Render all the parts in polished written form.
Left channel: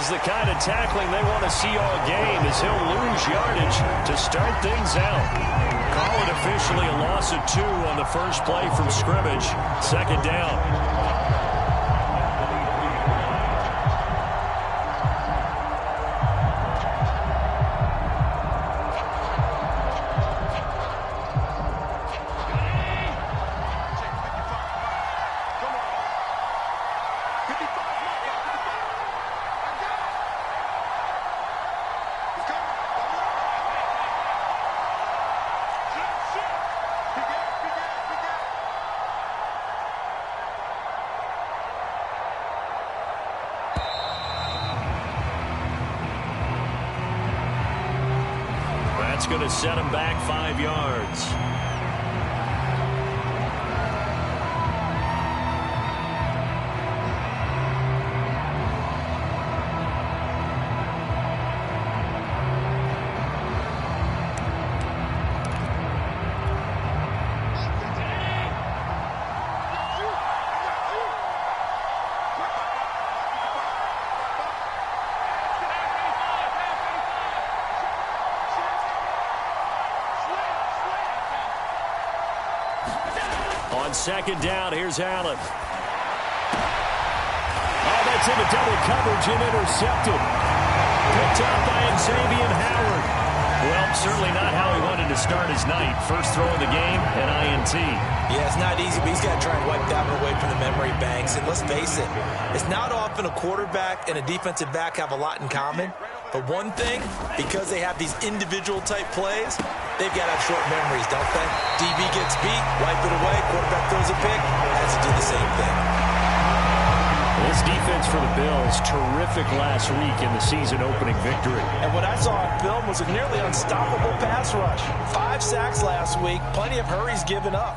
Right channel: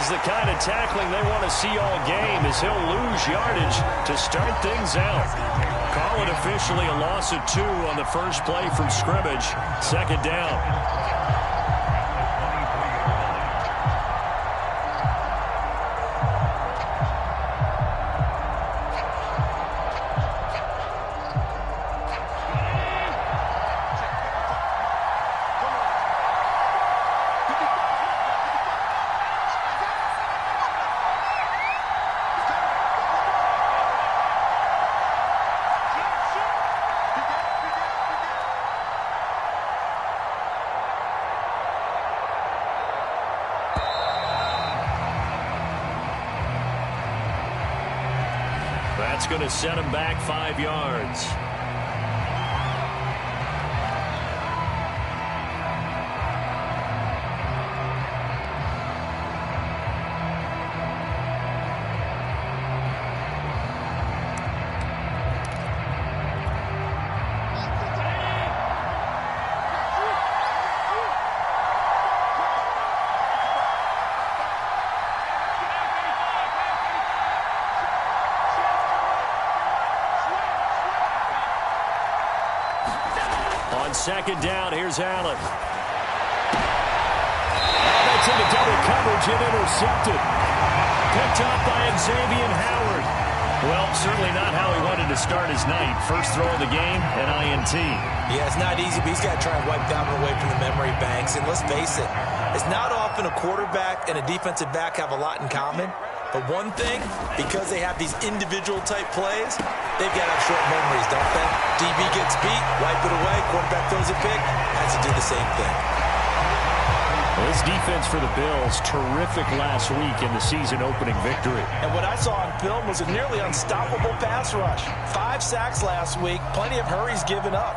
is the kind of tackling they want to see all game, as he'll lose yardage to start things out. Call it officially a loss of 2 on the first play from scrimmage. Second down. That's going to set him back 5 yards. On second down, here's Allen. Oh, that's into double coverage and intercepted. Picked up by Xavier Howard. Well, certainly not how he wanted to start his night. First throw of the game, an INT. Yeah, it's not easy, but he's got to try and wipe that one away from the memory banks. And let's face it, it's not often a quarterback and a defensive back have a lot in common. But one thing, because they have these individual type plays, they've got to have short memories, don't they? DB gets beat, wipe it away, quarterback throws a pick, has to do the same thing. Well, this defense for the Bills, terrific last week in the season-opening victory. And what I saw on film was a nearly unstoppable pass rush. 5 sacks last week, plenty of hurries given up.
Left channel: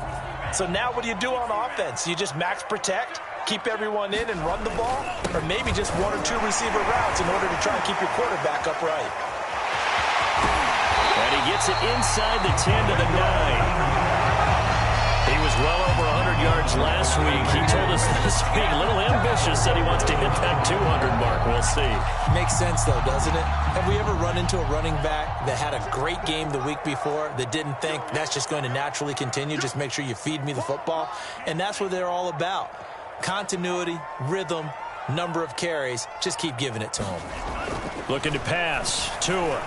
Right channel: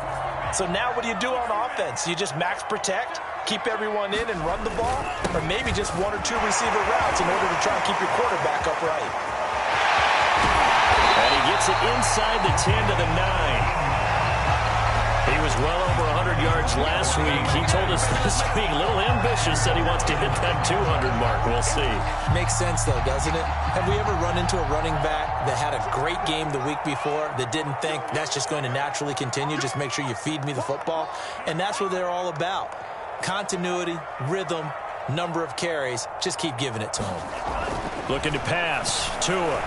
So now what do you do on offense? You just max protect, keep everyone in and run the ball, or maybe just 1 or 2 receiver routes in order to try and keep your quarterback upright. And he gets it inside the 10 to the 9. He was well over 100 yards last week. He told us this week, a little ambitious, said he wants to hit that 200 mark. We'll see. Makes sense, though, doesn't it? Have we ever run into a running back that had a great game the week before that didn't think that's just going to naturally continue? Just make sure you feed me the football. And that's what they're all about. Continuity, rhythm, number of carries. Just keep giving it to him. Looking to pass. Tua.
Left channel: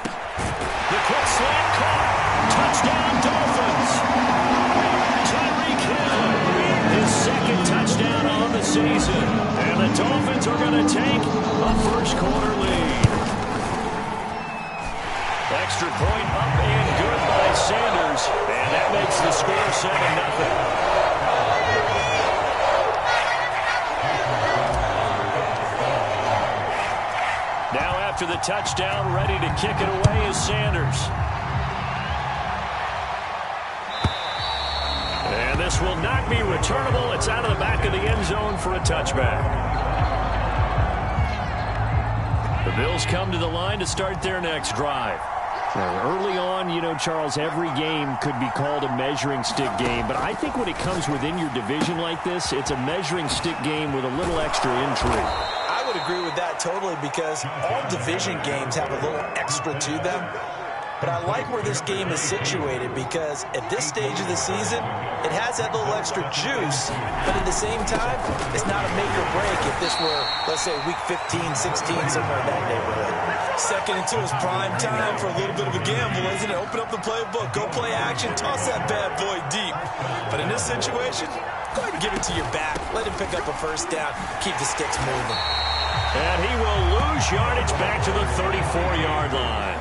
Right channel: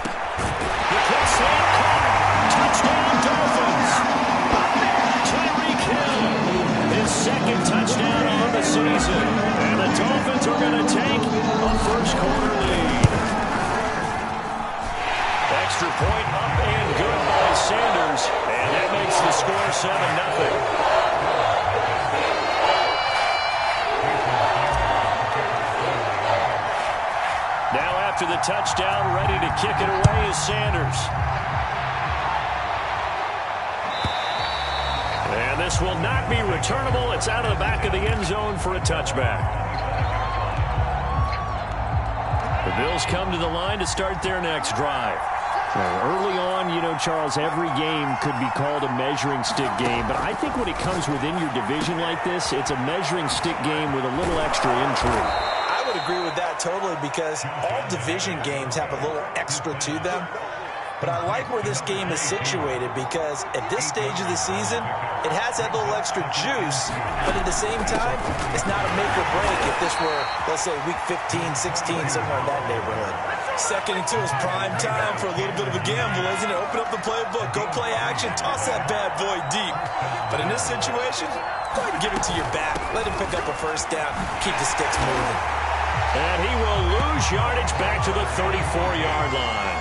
The quick slant caught. Touchdown, Dolphins. Tyreek Hill, his second touchdown on the season. And the Dolphins are going to take a first-quarter lead. Extra point up and good by Sanders. And that makes the score 7-0. Now after the touchdown, ready to kick it away is Sanders. And this will not be returnable. It's out of the back of the end zone for a touchback. The Bills come to the line to start their next drive. Early on, you know, Charles, every game could be called a measuring stick game. But I think when it comes within your division like this, it's a measuring stick game with a little extra intrigue. I would agree with that totally, because all division games have a little extra to them. But I like where this game is situated, because at this stage of the season, it has that little extra juice, but at the same time, it's not a make or break if this were, let's say, week 15, 16, somewhere in that neighborhood. 2nd and 2 is prime time for a little bit of a gamble, isn't it? Open up the playbook, go play action, toss that bad boy deep. But in this situation, go ahead and give it to your back. Let him pick up a first down, keep the sticks moving. And he will lose yardage back to the 34-yard line.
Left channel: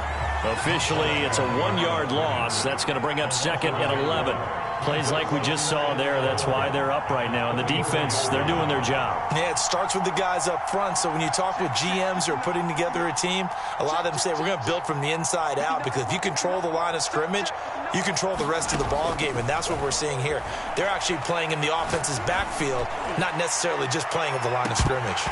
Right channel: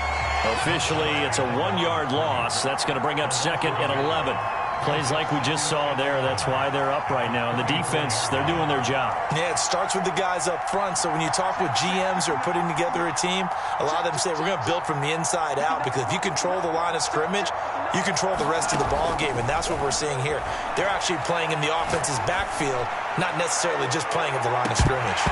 Officially, it's a 1-yard loss. That's going to bring up 2nd and 11. Plays like we just saw there. That's why they're up right now. And the defense, they're doing their job. Yeah, it starts with the guys up front. So when you talk with GMs who are putting together a team, a lot of them say, we're going to build from the inside out, because if you control the line of scrimmage, you control the rest of the ball game. And that's what we're seeing here. They're actually playing in the offense's backfield, not necessarily just playing at the line of scrimmage.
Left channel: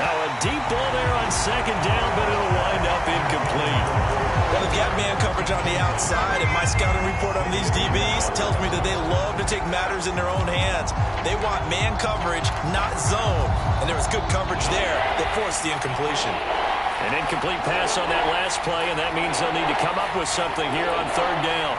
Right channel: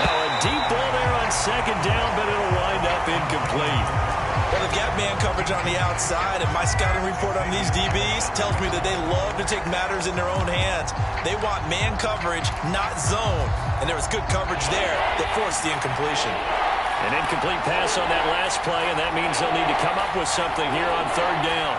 Now a deep ball there on 2nd down, but it'll wind up incomplete. Well, they've got man coverage on the outside, and my scouting report on these DBs tells me that they love to take matters in their own hands. They want man coverage, not zone. And there was good coverage there that forced the incompletion. An incomplete pass on that last play, and that means they'll need to come up with something here on third down.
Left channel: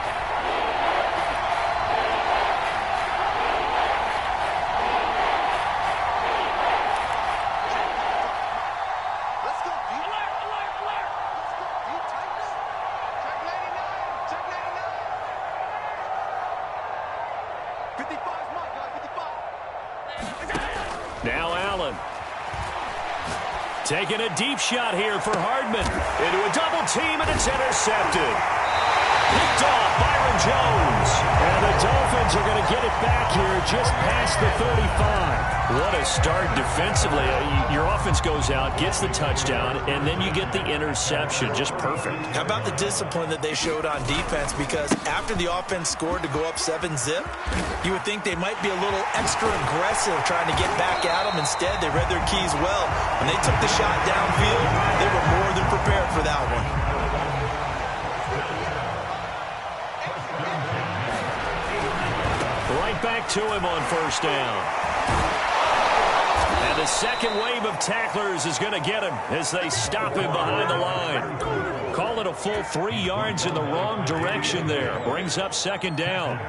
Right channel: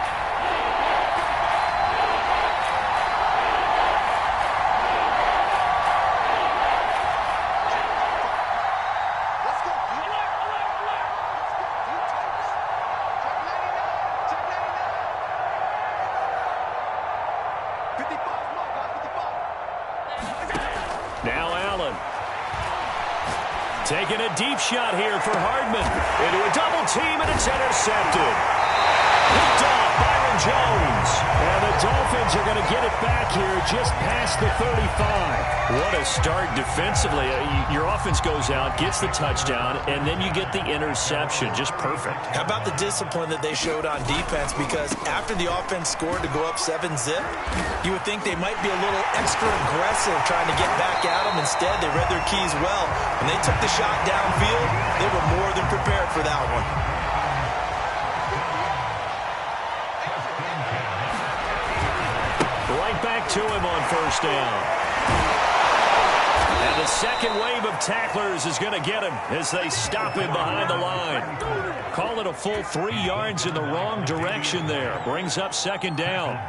Now Allen. Taking a deep shot here for Hardman. Into a double team, and it's intercepted. Picked off Byron Jones. And the Dolphins are going to get it back here just past the 35. What a start defensively. Your offense goes out, gets the touchdown, and then you get the interception. Just perfect. How about the discipline that they showed on defense? Because after the offense scored to go up 7-zip, you would think they might be a little extra aggressive trying to get back at them. Instead, they read their keys well. When they took the shot downfield, they were more than prepared for that one. Right back to him on first down. And the second wave of tacklers is going to get him as they stop him behind the line. Call it a full 3 yards in the wrong direction there. Brings up second down.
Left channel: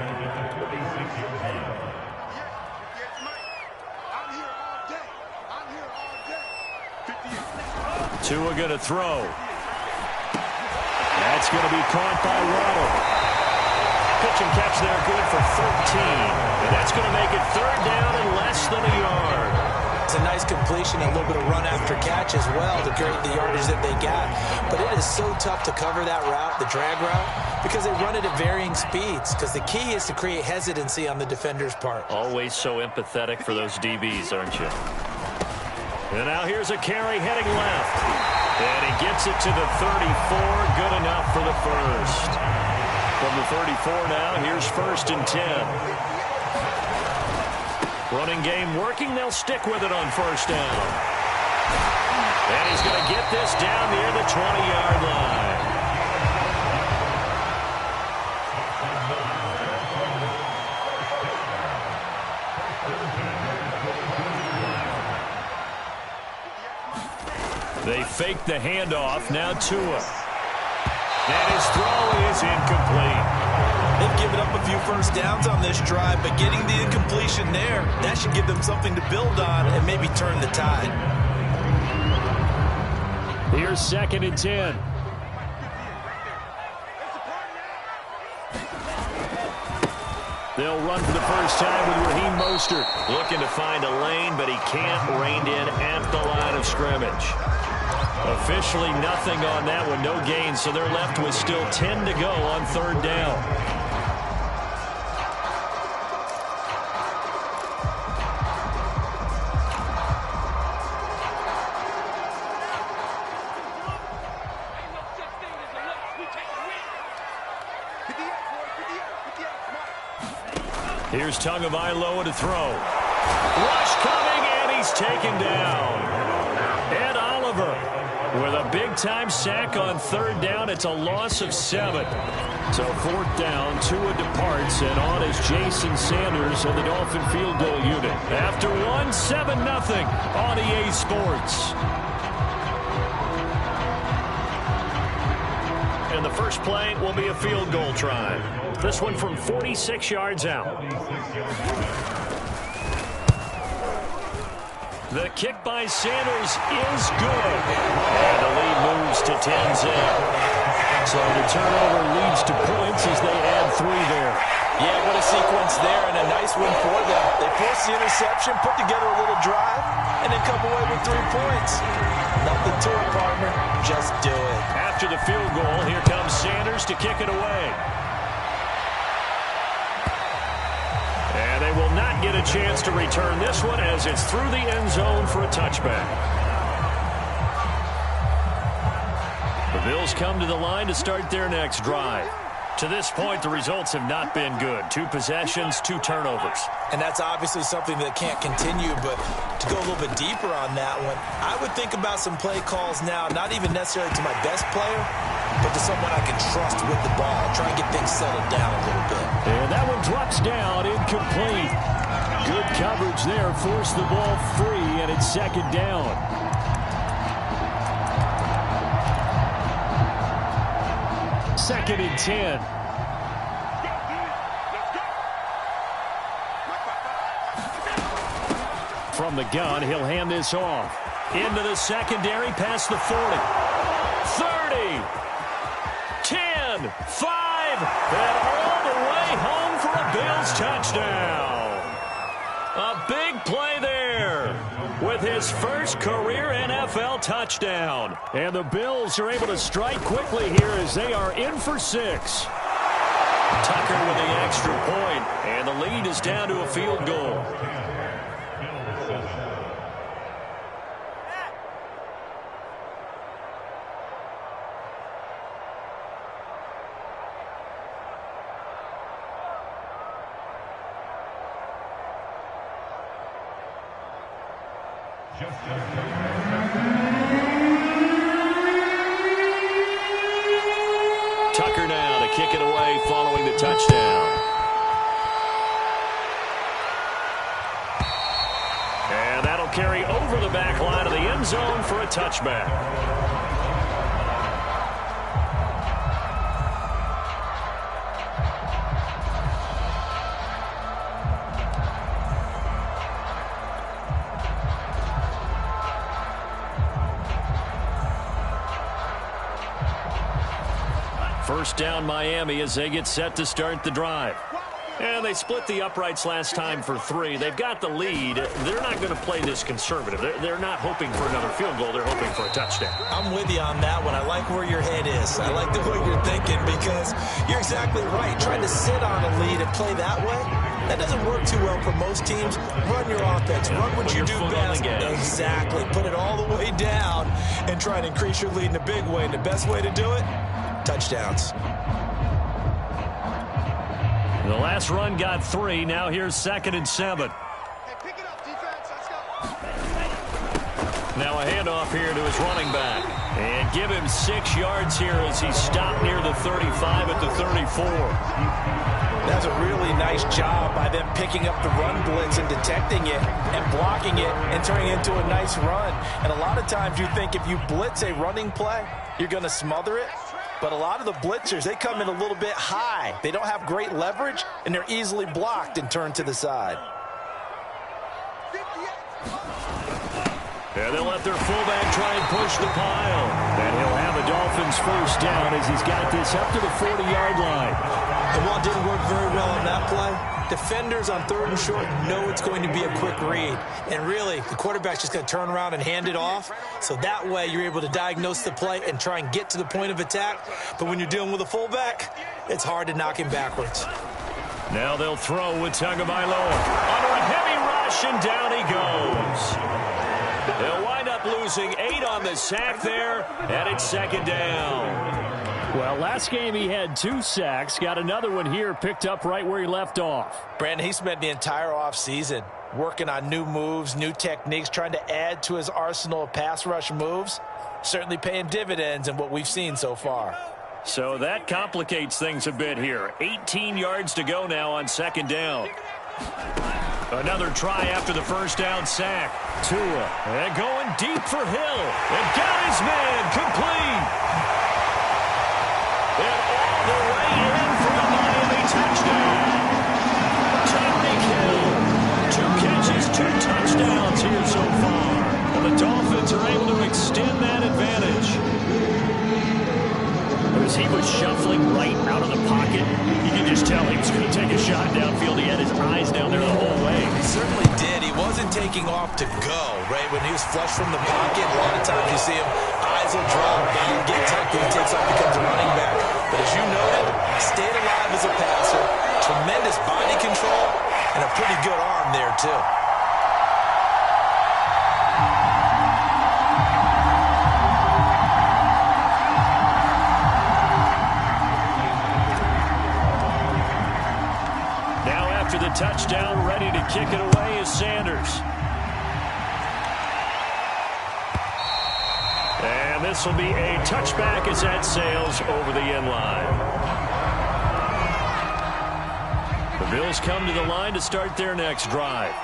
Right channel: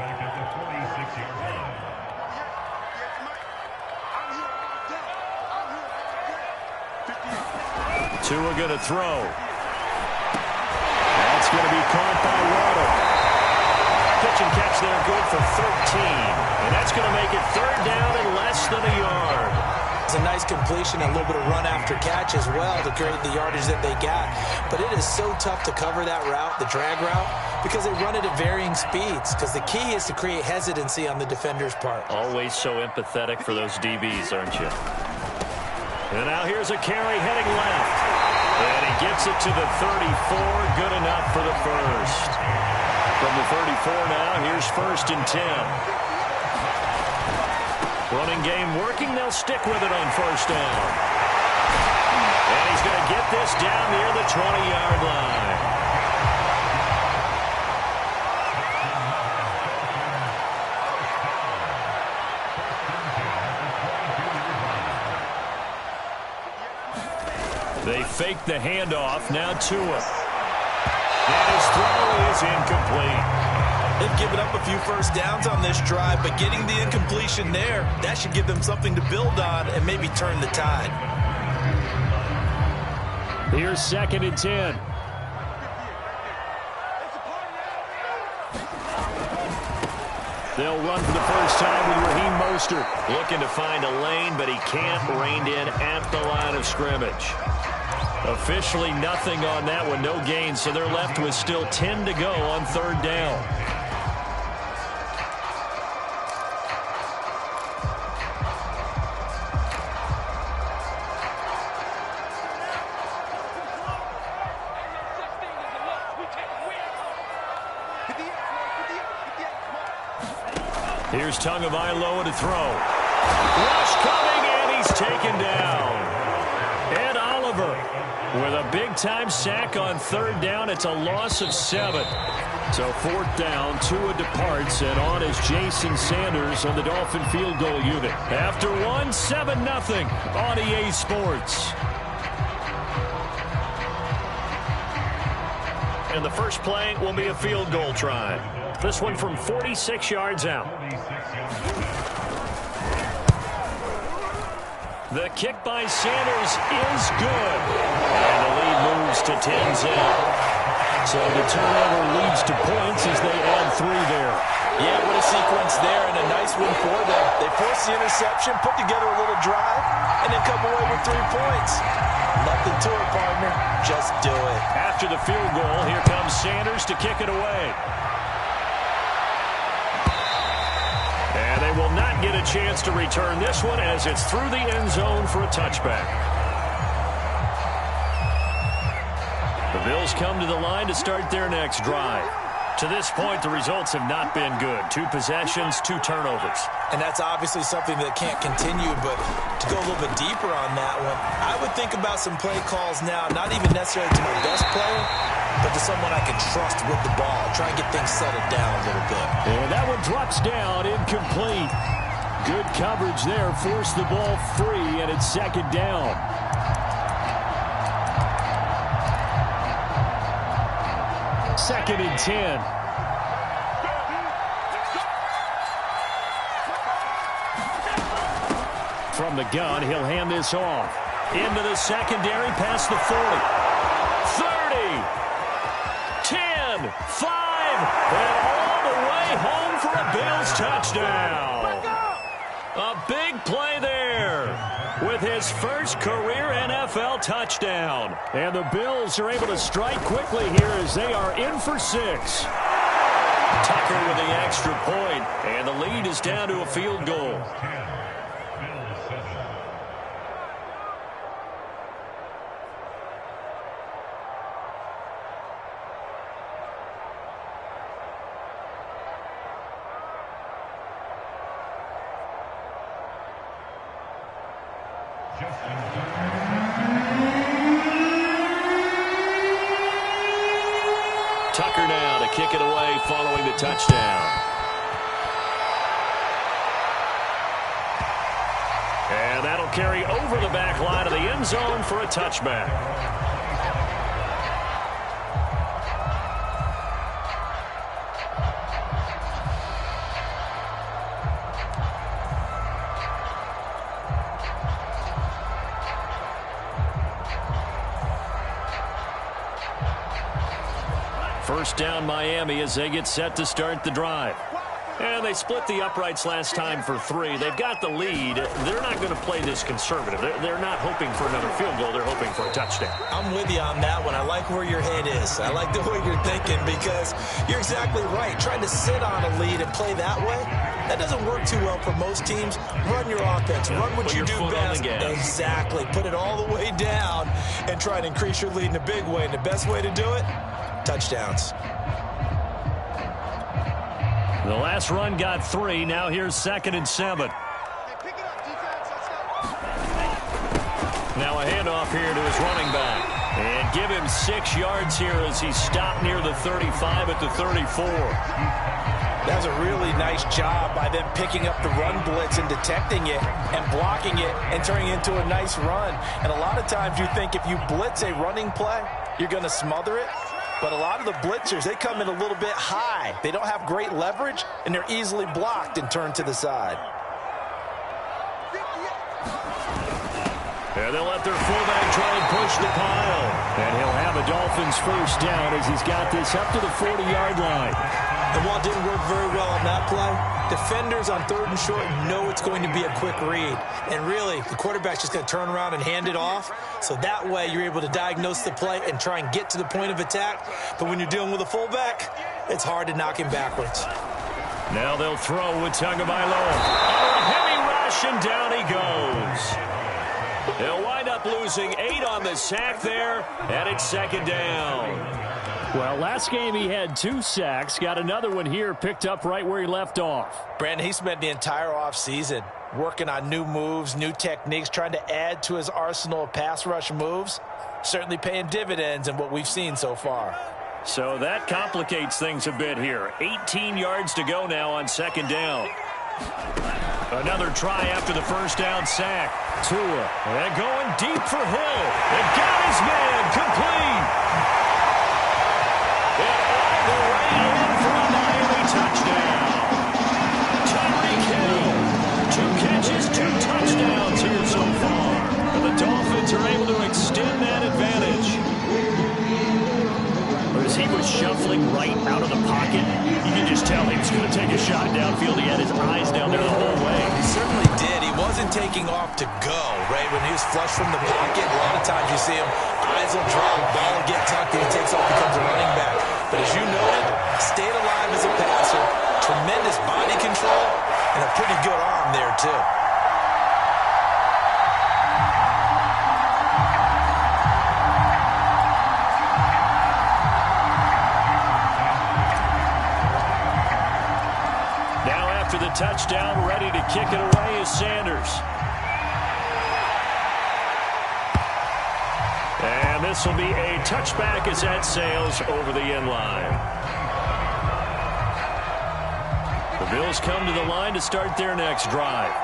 Tua going to throw. That's going to be caught by Waddle. Pitch and catch there, good for 13. And that's going to make it third down and less than a yard. It's a nice completion and a little bit of run after catch as well to create the yardage that they got. But it is so tough to cover that route, the drag route, because they run it at varying speeds. Because the key is to create hesitancy on the defender's part. Always so empathetic for those DBs, aren't you? And now here's a carry heading left. And he gets it to the 34. Good enough for the first. From the 34 now, here's first and 10. Running game working. They'll stick with it on first down. And he's going to get this down near the 20-yard line. They fake the handoff. Now Tua. And his throw is incomplete. They've given up a few first downs on this drive, but getting the incompletion there, that should give them something to build on and maybe turn the tide. Here's second and 10. They'll run for the first time with Raheem Mostert. Looking to find a lane, but he can't. Reined in at the line of scrimmage. Officially nothing on that one, no gain, so they're left with still 10 to go on third down. Here's Tagovailoa to throw. Rush coming, and he's taken down. Ed Oliver with a big-time sack on third down. It's a loss of 7. So fourth down, Tua departs, and on is Jason Sanders of the Dolphin field goal unit. After one, 7-0 on EA Sports. And the first play will be a field goal try. This one from 46 yards out. The kick by Sanders is good. And the lead moves to 10-0. So the turnover leads to points as they add 3 there. Yeah, what a sequence there, and a nice win for them. They forced the interception, put together a little drive, and then come away with 3 points. Nothing to it, partner. Just do it. After the field goal, here comes Sanders to kick it away. And they will not get a chance to return this one as it's through the end zone for a touchback. The Bills come to the line to start their next drive. To this point, the results have not been good. 2 possessions, 2 turnovers. And that's obviously something that can't continue, but to go a little bit deeper on that one, I would think about some play calls now, not even necessarily to my best player, but to someone I can trust with the ball. Try and get things settled down a little bit. And that one drops down, incomplete. Good coverage there, forced the ball free, and it's second down. 2nd and 10. From the gun, he'll hand this off. Into the secondary, past the 40. 30. 10. 5. And all the way home for a Bills touchdown. A big play there with his first career NFL touchdown. And the Bills are able to strike quickly here as they are in for 6. Tucker with the extra point, and the lead is down to a field goal. Tucker now to kick it away following the touchdown. And that'll carry over the back line of the end zone for a touchback. First down Miami as they get set to start the drive. And they split the uprights last time for 3. They've got the lead. They're not going to play this conservative. They're not hoping for another field goal. They're hoping for a touchdown. I'm with you on that one. I like where your head is. I like the way you're thinking because you're exactly right. Trying to sit on a lead and play that way, that doesn't work too well for most teams. Run your offense. Run what you do best. Exactly. Put it all the way down and try and increase your lead in a big way. And the best way to do it, touchdowns. The last run got 3. Now here's 2nd and 7. Hey, pick it up, defense. Let's go. Now a handoff here to his running back. And give him 6 yards here as he stopped near the 35 at the 34. That's a really nice job by them picking up the run blitz and detecting it and blocking it and turning it into a nice run. And a lot of times you think if you blitz a running play, you're going to smother it. But a lot of the blitzers, they come in a little bit high. They don't have great leverage, and they're easily blocked and turned to the side. And they'll let their fullback try and push the pile. And he'll have a Dolphins first down as he's got this up to the 40-yard line. And while it didn't work very well on that play, defenders on 3rd and short know it's going to be a quick read. And really, the quarterback's just going to turn around and hand it off. So that way, you're able to diagnose the play and try and get to the point of attack. But when you're dealing with a fullback, it's hard to knock him backwards. Now they'll throw with Tagovailoa. Under a heavy rush, and down he goes. They'll wind up losing 8 on the sack there, and it's 2nd down. Well, last game he had 2 sacks. Got another one here picked up right where he left off. Brandon, he spent the entire offseason working on new moves, new techniques, trying to add to his arsenal of pass rush moves. Certainly paying dividends in what we've seen so far. So that complicates things a bit here. 18 yards to go now on 2nd down. Another try after the first down sack. Tua, and going deep for Hill. And got his man complete. And all the way in for a Miami touchdown. Tyreek Hill, 2 catches, 2 touchdowns here so far. And the Dolphins are able to extend that advantage. As he was shuffling right out of the pocket, you could just tell he was going to take a shot downfield. He had his eyes down there the whole way. He certainly did. He wasn't taking off to go, right? When he was flush from the pocket, a lot of times you see him, eyes will drop, ball will get tucked, and he takes off, becomes a running back. But as you noted, stayed alive as a passer, tremendous body control, and a pretty good arm there, too. After the touchdown, ready to kick it away is Sanders. And this will be a touchback as that sails over the end line. The Bills come to the line to start their next drive.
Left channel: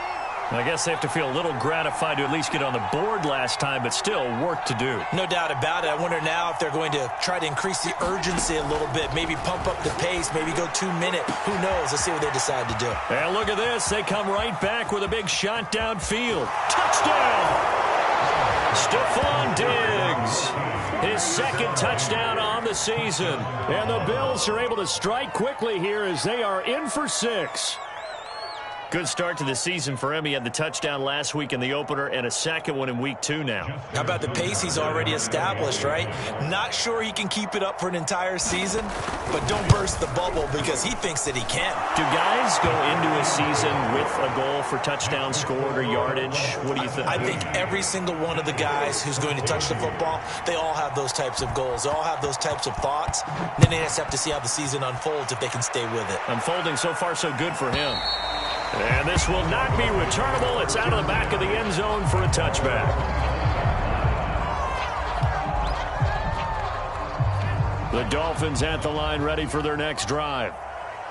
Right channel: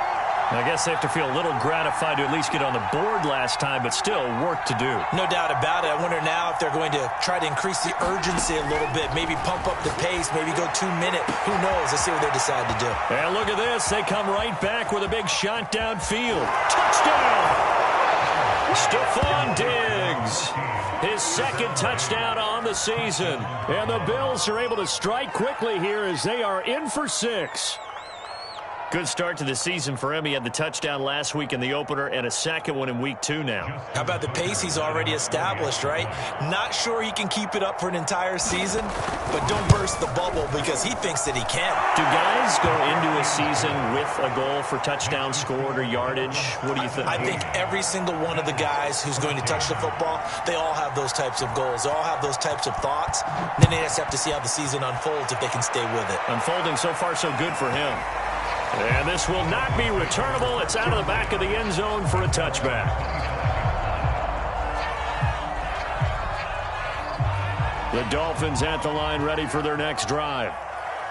I guess they have to feel a little gratified to at least get on the board last time, but still work to do. No doubt about it. I wonder now if they're going to try to increase the urgency a little bit, maybe pump up the pace, maybe go 2 minute. Who knows? Let's see what they decide to do. And look at this. They come right back with a big shot downfield. Touchdown! Stephon Diggs. His second touchdown on the season. And the Bills are able to strike quickly here as they are in for 6. Good start to the season for him. He had the touchdown last week in the opener and a second one in week 2 now. How about the pace he's already established, right? Not sure he can keep it up for an entire season, but don't burst the bubble because he thinks that he can. Do guys go into a season with a goal for touchdown scored or yardage? What do you think? I think every single one of the guys who's going to touch the football, they all have those types of goals. They all have those types of thoughts. Then they just have to see how the season unfolds if they can stay with it. Unfolding so far so good for him. And this will not be returnable. It's out of the back of the end zone for a touchback. The Dolphins at the line ready for their next drive.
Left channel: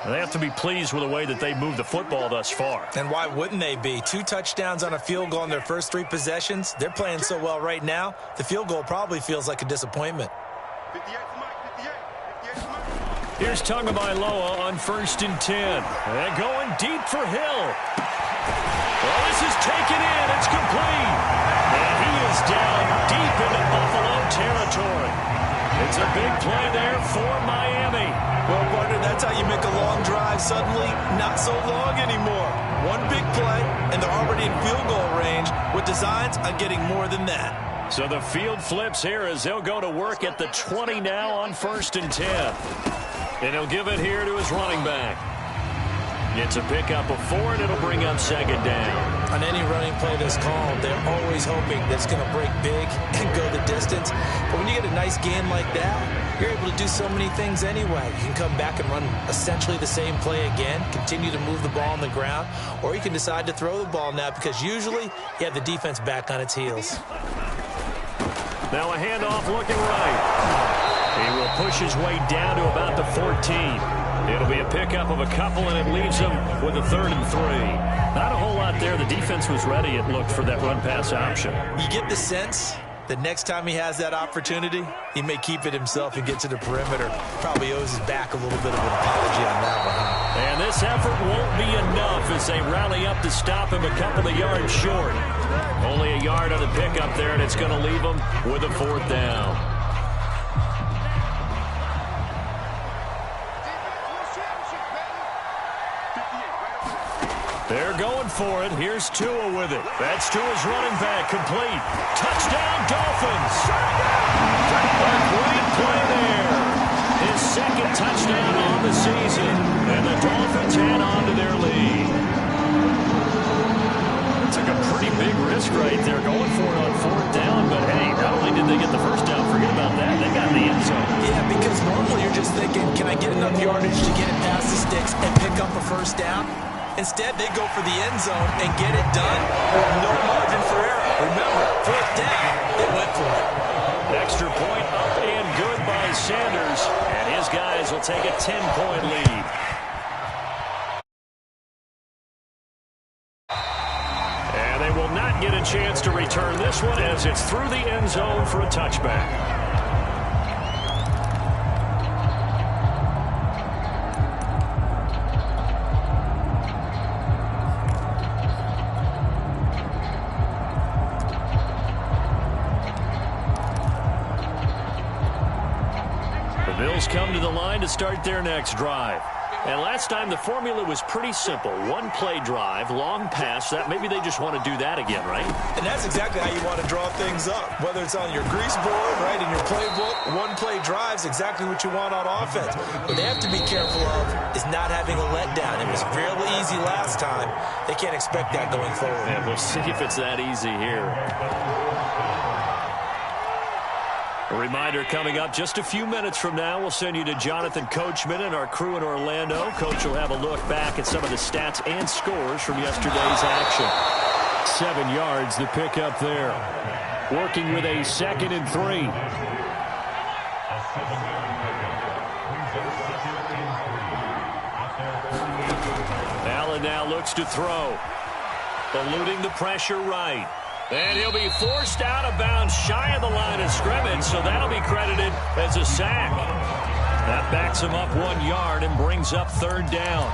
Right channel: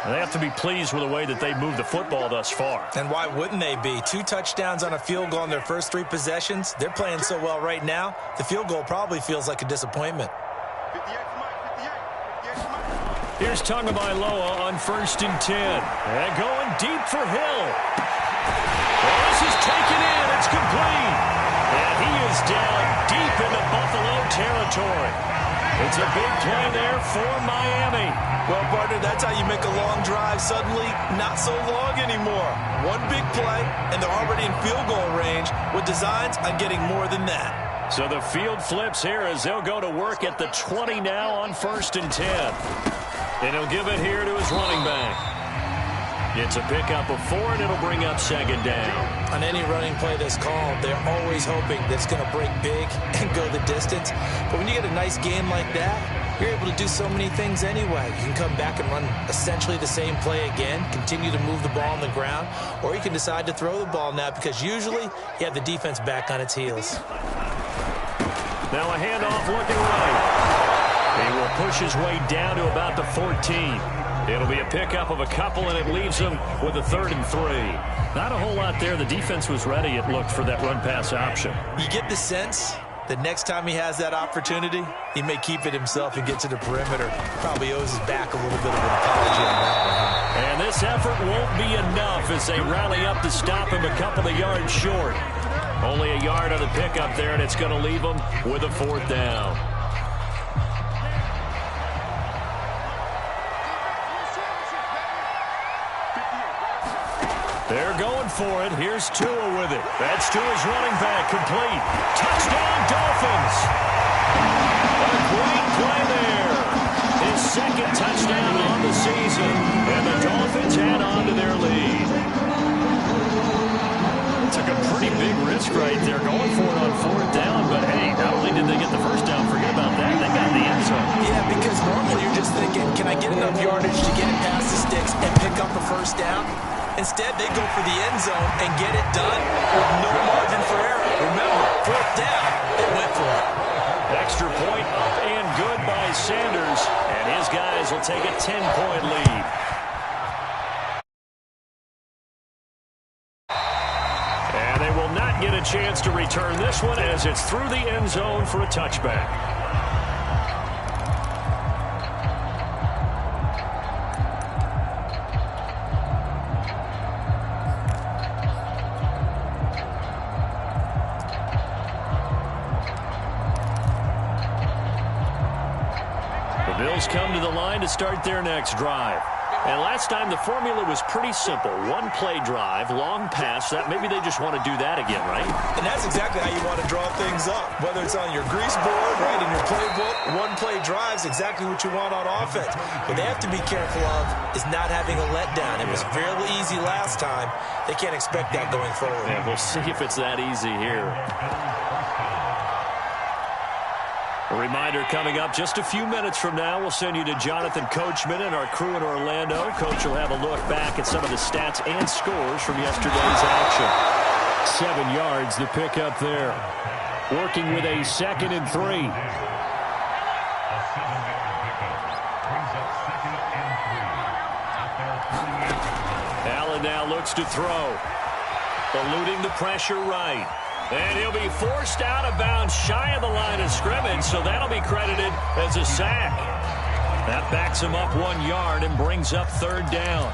They have to be pleased with the way that they moved the football thus far. And why wouldn't they be? 2 touchdowns on a field goal in their first 3 possessions. They're playing so well right now, the field goal probably feels like a disappointment. 58 to Mike, 58 to Mike. Here's Tagovailoa on 1st and 10. And going deep for Hill. Well, this is taken in. It's complete. And he is down deep into Buffalo territory. It's a big play there for Miami. Well, partner, that's how you make a long drive suddenly not so long anymore. One big play, and they're already in field goal range with designs on getting more than that. So the field flips here as they'll go to work at the 20 now on 1st and 10. And he'll give it here to his running back. It's a pickup of 4, and it'll bring up 2nd down. On any running play that's called, they're always hoping that it's going to break big and go the distance. But when you get a nice game like that, you're able to do so many things anyway. You can come back and run essentially the same play again, continue to move the ball on the ground, or you can decide to throw the ball now because usually you have the defense back on its heels. Now a handoff looking right. He will push his way down to about the 14. It'll be a pickup of a couple, and it leaves him with a 3rd and 3. Not a whole lot there. The defense was ready, it looked, for that run-pass option. You get the sense that next time he has that opportunity, he may keep it himself and get to the perimeter. Probably owes his back a little bit of an apology on that one, huh? And this effort won't be enough as they rally up to stop him a couple of yards short. Only a yard on the pickup there, and it's going to leave him with a 4th down. They're going for it. Here's Tua with it. That's Tua's running back, complete. Touchdown, Dolphins. A great play there. His 2nd touchdown on the season. And the Dolphins add on to their lead. Took a pretty big risk right there, going for it on 4th down. But, hey, not only did they get the 1st down, forget about that, they got in the end zone. Yeah, because normally you're just thinking, can I get enough yardage to get it past the sticks and pick up a 1st down? Instead, they go for the end zone and get it done with no margin for error. Remember, 4th down, they went for it. Extra point up and good by Sanders. And his guys will take a 10-point lead. And they will not get a chance to return this one as it's through the end zone for a touchback. The Bills come to the line to start their next drive. And last time the formula was pretty simple. 1-play drive, long pass. That maybe they just want to do that again, right? And that's exactly how you want to draw things up. Whether it's on your grease board, right, in your playbook, 1-play drive's exactly what you want on offense. What they have to be careful of is not having a letdown. It was fairly easy last time. They can't expect that going forward. Yeah, we'll see if it's that easy here. A reminder coming up just a few minutes from now, we'll send you to Jonathan Coachman and our crew in Orlando. Coach will have a look back at some of the stats and scores from yesterday's action. 7 yards, the pickup there. Working with a 2nd and 3. Allen now looks to throw. eluding the pressure right. And he'll be forced out of bounds shy of the line of scrimmage, so that'll be credited as a sack. That backs him up 1 yard and brings up third down.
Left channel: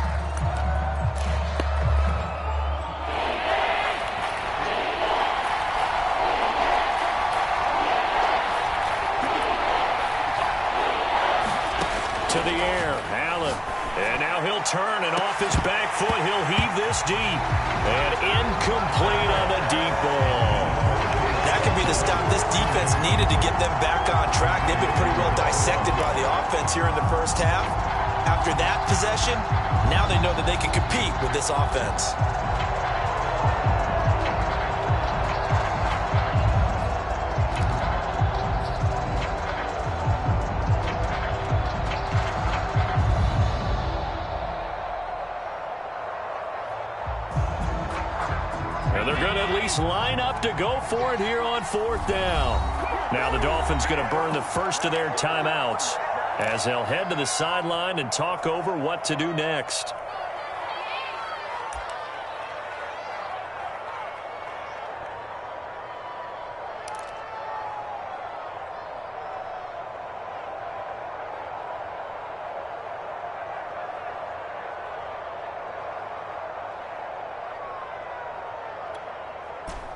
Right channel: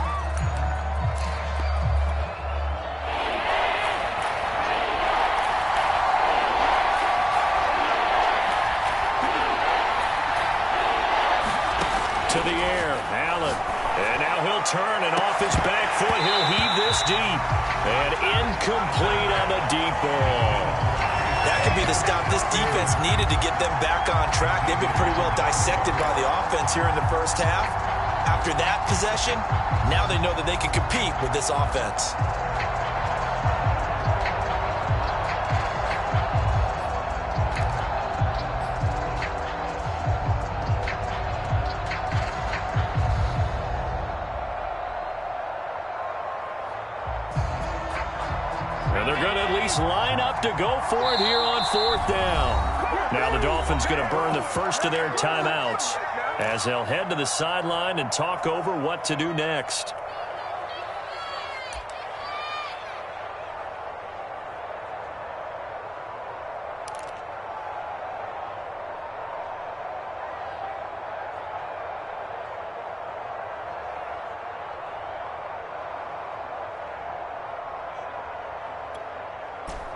To the air, Allen. And now he'll turn, and off his back foot, he'll heave this deep. And incomplete on the deep ball. That could be the stop this defense needed to get them back on track. They've been pretty well dissected by the offense here in the first half. After that possession, now they know that they can compete with this offense. And they're going to at least line up to go for it here on fourth down. Now the Dolphins going to burn the first of their timeouts as they'll head to the sideline and talk over what to do next.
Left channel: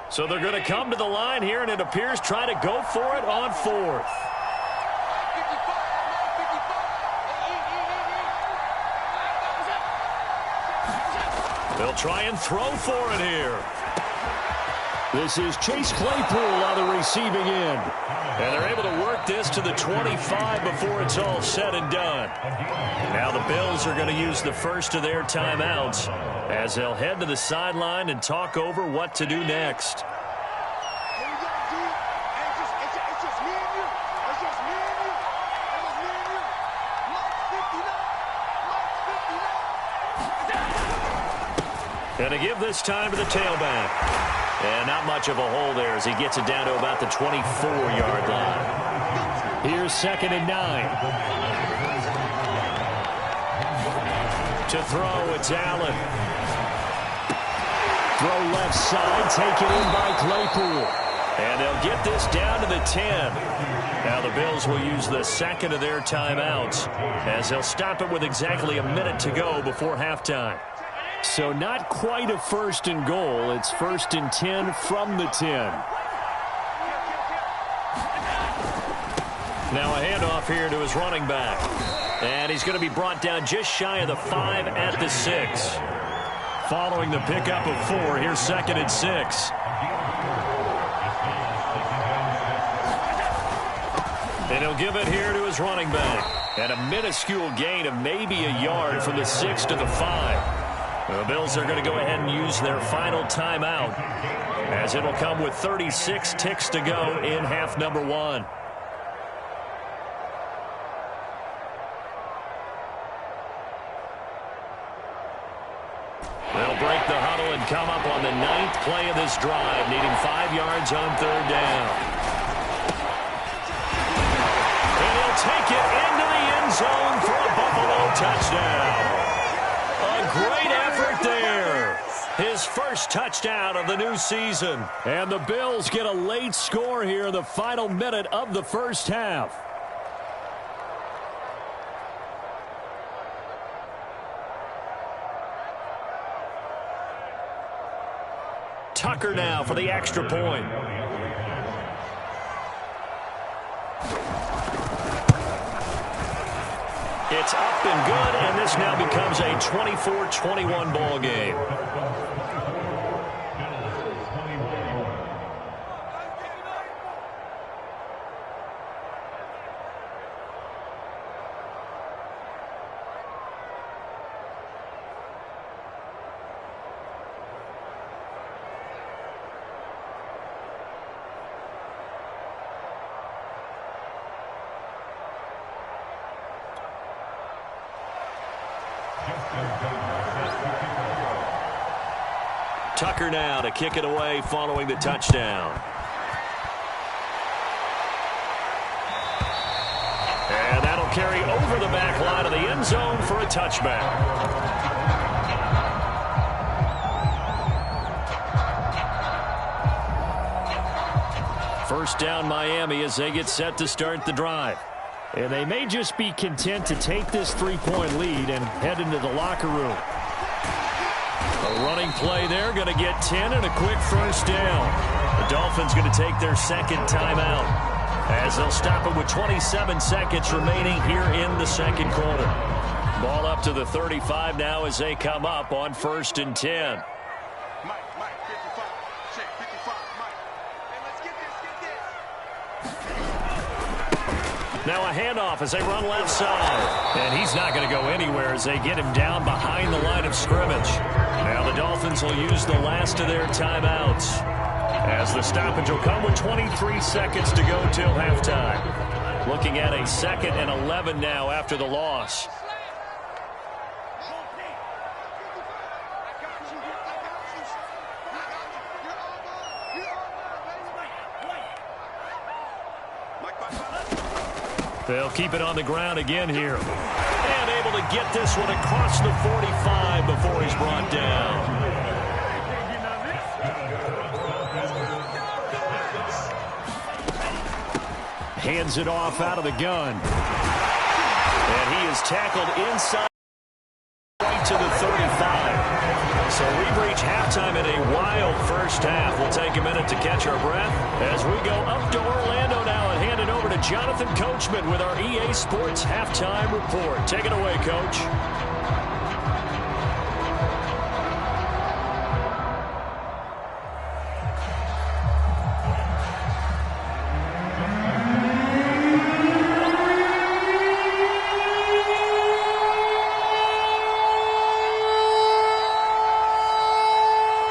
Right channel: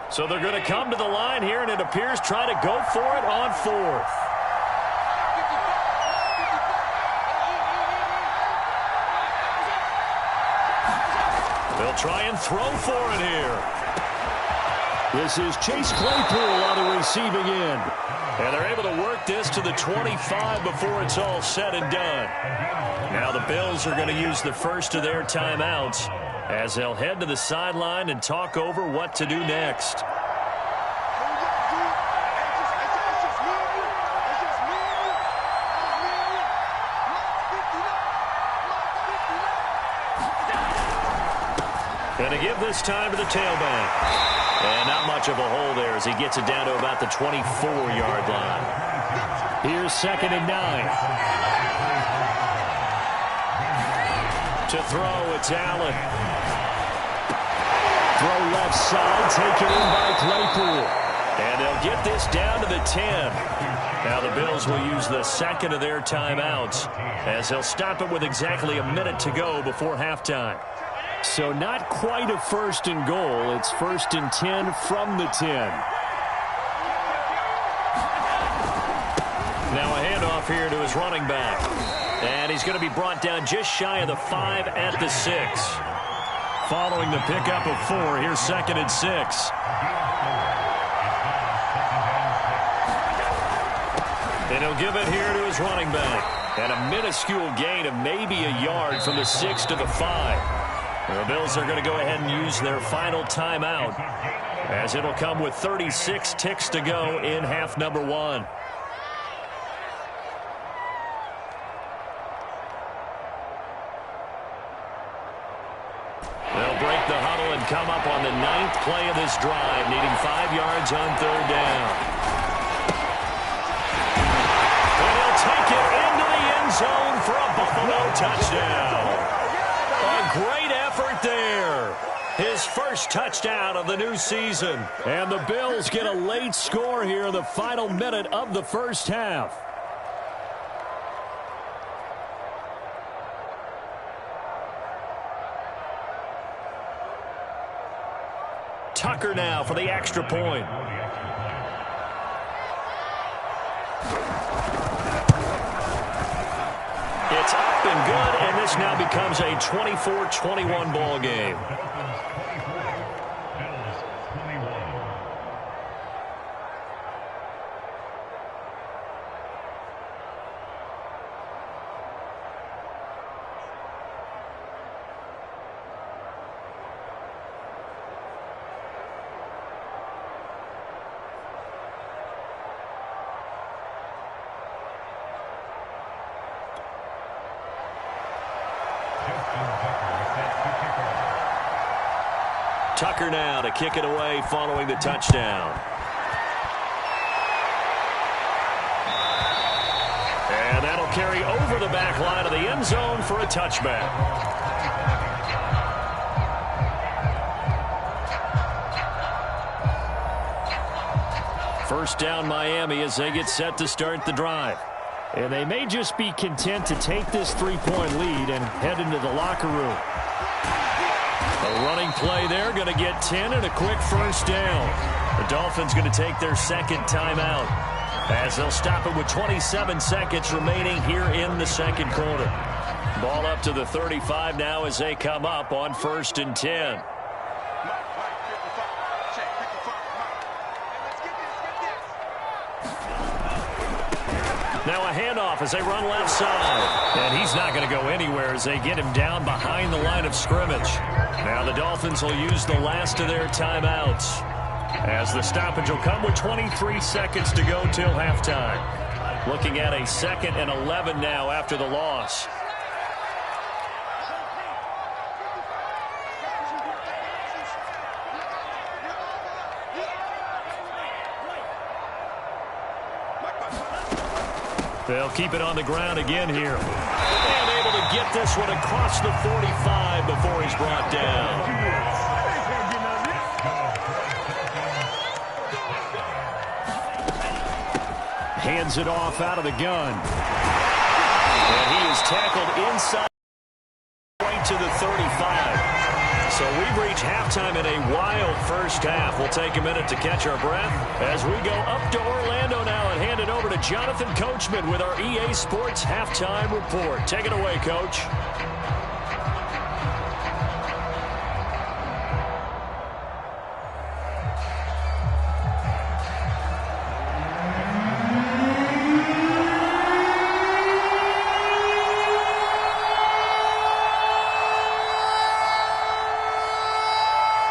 So they're going to come to the line here, and it appears try to go for it on fourth. They'll try and throw for it here. This is Chase Claypool on the receiving end. And they're able to work this to the 25 before it's all said and done. Now the Bills are going to use the first of their timeouts as they'll head to the sideline and talk over what to do next. Going to give this time to the tailback. And not much of a hole there as he gets it down to about the 24-yard line. Here's 2nd and 9. To throw, it's Allen. Throw left side, taken in by Claypool. And they'll get this down to the 10. Now the Bills will use the second of their timeouts as they'll stop it with exactly a minute to go before halftime. So not quite a 1st and goal. It's 1st and 10 from the 10. Now a handoff here to his running back. And he's going to be brought down just shy of the 5 at the 6. Following the pickup of 4, here's 2nd and 6. And he'll give it here to his running back. And a minuscule gain of maybe a yard from the 6 to the 5. The Bills are going to go ahead and use their final timeout as it'll come with 36 ticks to go in half number 1. They'll break the huddle and come up on the 9th play of this drive, needing 5 yards on 3rd down. And he'll take it into the end zone for a Buffalo touchdown. A great effort there. His first touchdown of the new season. And the Bills get a late score here in the final minute of the first half. Tucker now for the extra point. It's up and good, and this now becomes a 24-21 ball game. Tucker now to kick it away following the touchdown. And that'll carry over the back line of the end zone for a touchback. First down Miami as they get set to start the drive. And they may just be content to take this 3-point lead and head into the locker room. A running play there, going to get 10 and a quick first down. The Dolphins going to take their second timeout as they'll stop it with 27 seconds remaining here in the second quarter. Ball up to the 35 now as they come up on 1st and 10. Mike, 55. Check, 55. Mike. Hey, let's get this. Now a handoff as they run left side. And he's not going to go anywhere as they get him down behind the line of scrimmage. Now the Dolphins will use the last of their timeouts, as the stoppage will come with 23 seconds to go till halftime. Looking at a 2nd and 11 now after the loss. They'll keep it on the ground again here. And able to get this one across the 45 before he's brought down. Hands it off out of the gun. And he is tackled inside right to the 35. So we've reached halftime in a wild first half. We'll take a minute to catch our breath as we go up to Orlando now and hand it over to Jonathan Coachman with our EA Sports Halftime Report. Take it away, Coach.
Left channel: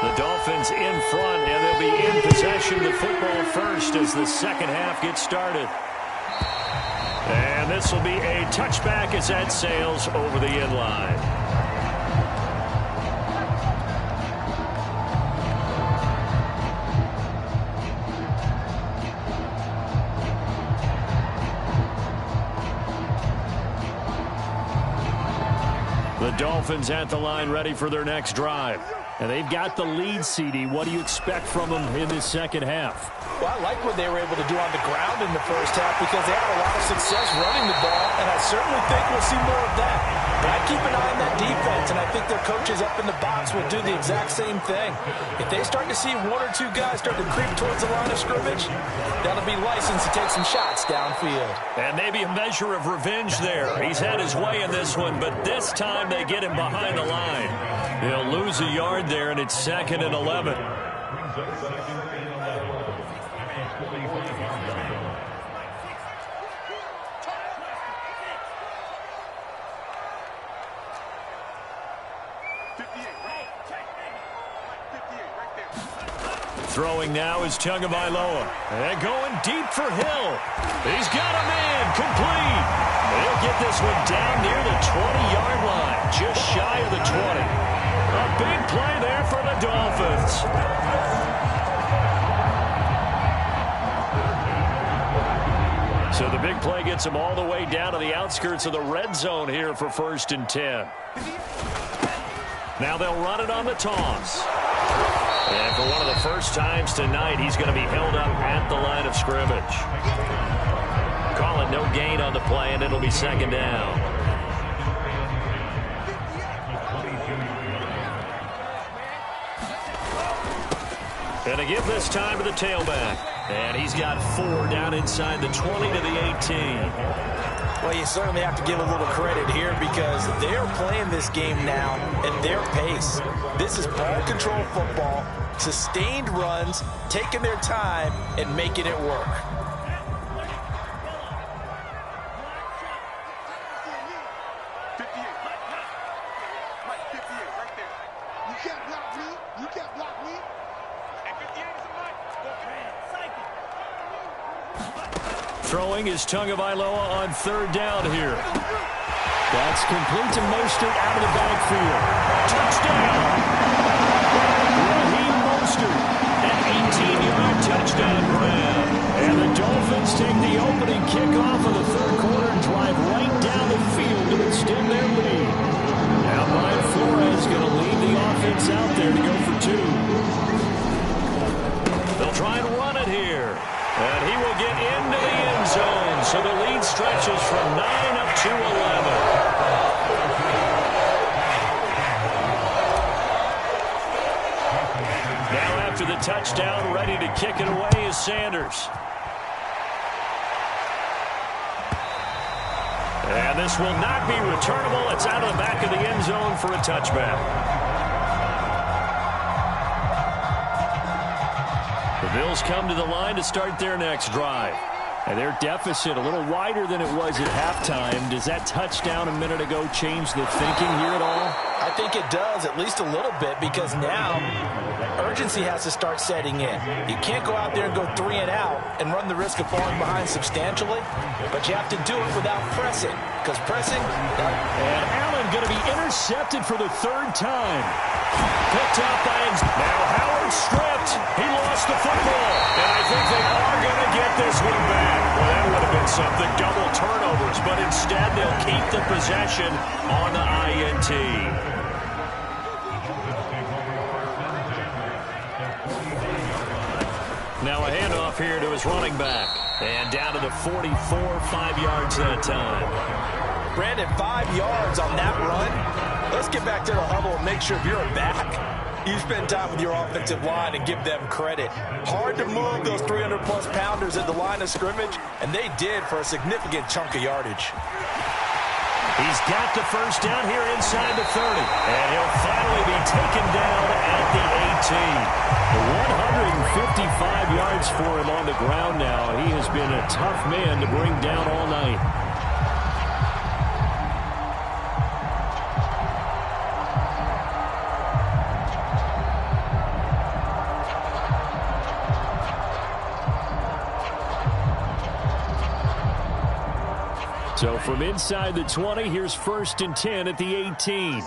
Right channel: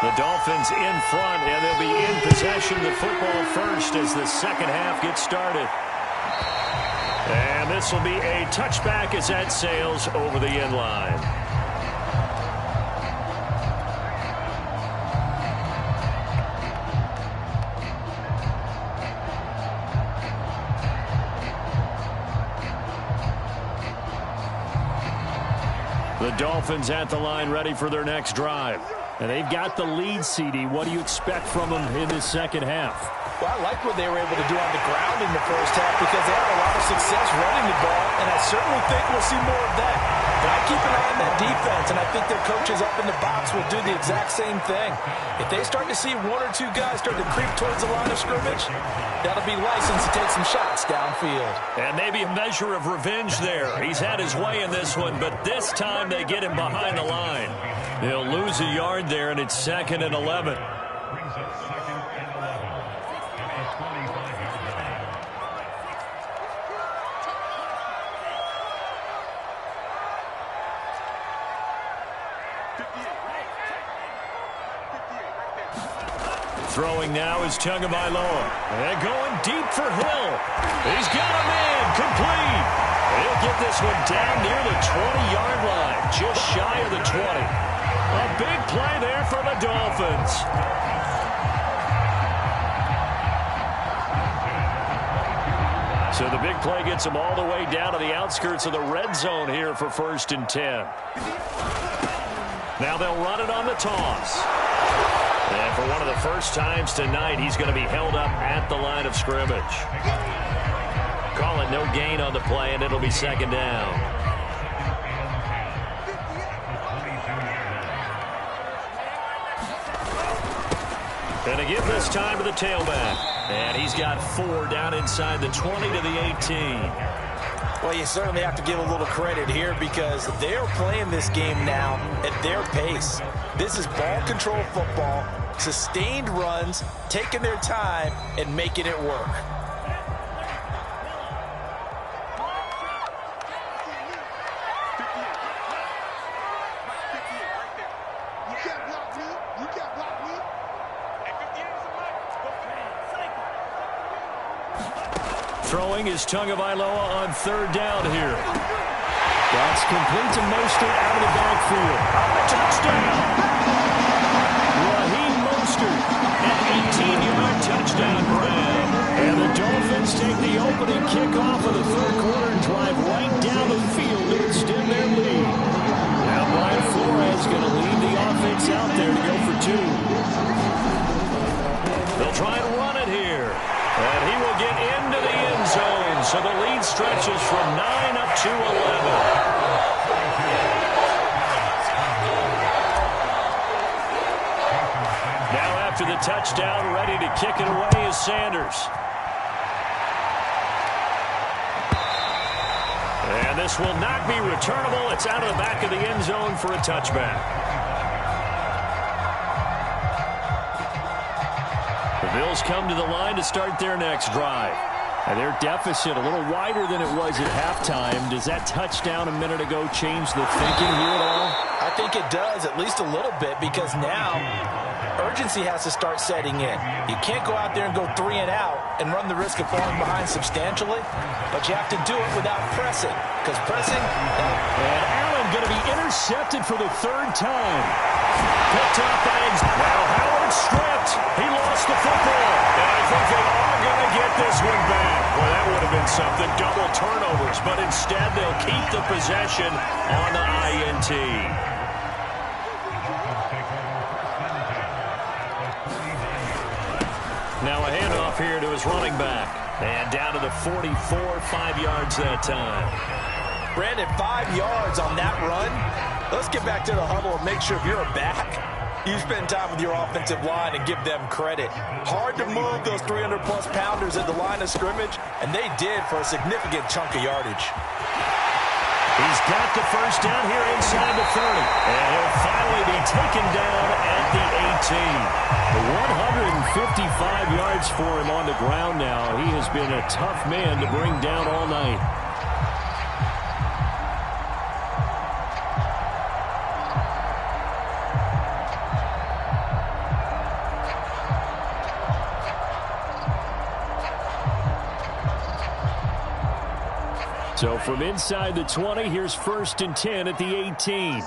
The Dolphins in front, and they'll be in possession of the football first as the second half gets started. And this will be a touchback as that sails over the end line. The Dolphins at the line ready for their next drive. And they've got the lead, CD. What do you expect from them in this second half? Well, I like what they were able to do on the ground in the first half because they had a lot of success running the ball, and I certainly think we'll see more of that. But I keep an eye on that defense, and I think their coaches up in the box will do the exact same thing. If they start to see 1 or 2 guys start to creep towards the line of scrimmage, that'll be licensed to take some shots downfield. And maybe a measure of revenge there. He's had his way in this one, but this time they get him behind the line. They'll lose a yard there, and it's 2nd and 11. Throwing now is Tagovailoa. And going deep for Hill. He's got a man complete. He'll get this one down near the 20-yard line, just shy of the 20. A big play there for the Dolphins. So the big play gets them all the way down to the outskirts of the red zone here for 1st and 10. Now they'll run it on the toss. And for one of the first times tonight, he's going to be held up at the line of scrimmage. Call it no gain on the play, and it'll be 2nd down. And they give this time to the tailback. And he's got 4 down inside the 20 to the 18. Well, you certainly have to give a little credit here because they're playing this game now at their pace. This is ball control football, sustained runs, taking their time, and making it work. Throwing is Tagovailoa on 3rd down here. That's complete to Mostert out of the backfield. Touchdown! Raheem Mostert, an 18-yard touchdown grab. And the Dolphins take the opening kickoff of the 3rd quarter and drive right down the field to extend their lead. Now Brian Flores going to lead the offense out there to go for 2. They'll try and run it here. And he will get into the end zone. So the lead stretches from 9 up to 11. Now after the touchdown, ready to kick it away is Sanders. And this will not be returnable. It's out of the back of the end zone for a touchback. The Bills come to the line to start their next drive. And their deficit a little wider than it was at halftime. Does that touchdown a minute ago change the thinking here at all? I think it does, at least a little bit, because now urgency has to start setting in. You can't go out there and go 3 and out and run the risk of falling behind substantially, but you have to do it without pressing, because pressing... And Allen going to be intercepted for the 3rd time. Picked up by... Now Howard stripped. He lost the football. And I think they are going to get this one back. Well, that would have been something. Double turnovers. But instead, they'll keep the possession on the INT. Now a handoff here to his running back. And down to the 44, 5 yards that time. Brandon, 5 yards on that run. Let's get back to the huddle and make sure if you're a back, you spend time with your offensive line and give them credit. Hard to move those 300-plus pounders at the line of scrimmage, and they did for a significant chunk of yardage. He's got the first down here inside the 30. And he'll finally be taken down at the 18. 155 yards for him on the ground now. He has been a tough man to bring down all night. So from inside the 20, here's 1st and 10 at the 18.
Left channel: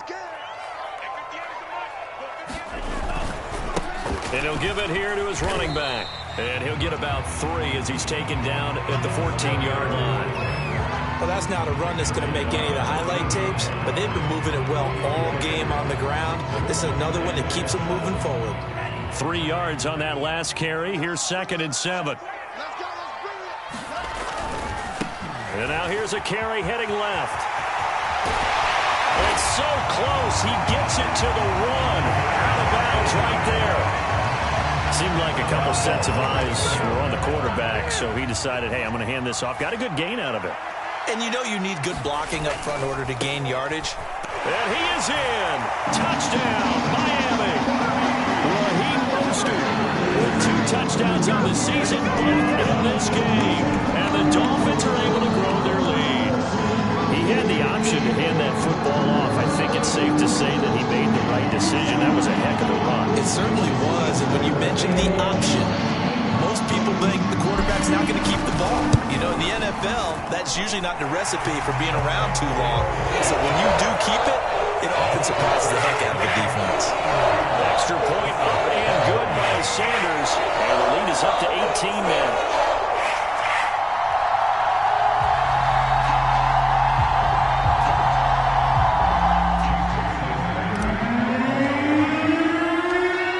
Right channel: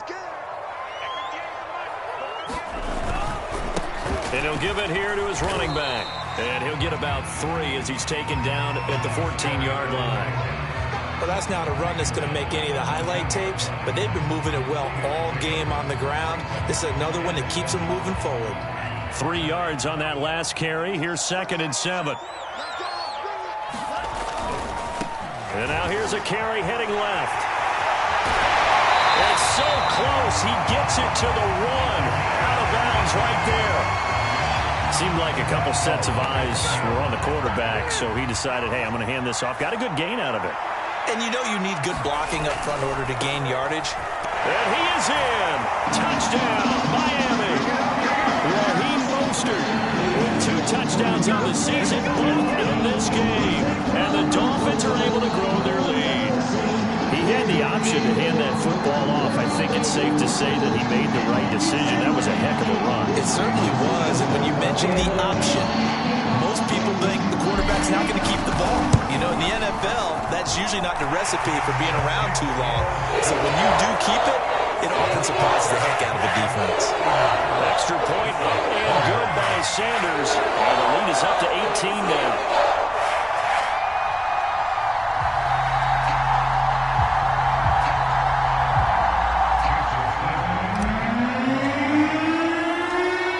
And he'll give it here to his running back. And he'll get about 3 as he's taken down at the 14-yard line. Well, that's not a run that's going to make any of the highlight tapes, but they've been moving it well all game on the ground. This is another one that keeps them moving forward. 3 yards on that last carry. Here's 2nd and 7. And now here's a carry heading left. It's so close. He gets it to the 1. Out of bounds right there. Seemed like a couple sets of eyes were on the quarterback, so he decided, hey, I'm going to hand this off. Got a good gain out of it. And you know you need good blocking up front in order to gain yardage. And he is in. Touchdown, Miami. Raheem Mostert with 2 touchdowns on the season, both in this game. And the Dolphins are able to grow their lead. He had the option to hand that football off. I think it's safe to say that he made the right decision. That was a heck of a run. It certainly was. And when you mention the option, most people think the quarterback's not going to keep the ball. You know, in the NFL, that's usually not the recipe for being around too long. So when you do keep it, it often surprises the heck out of a defense. Extra point up and good by Sanders. And the lead is up to 18 now.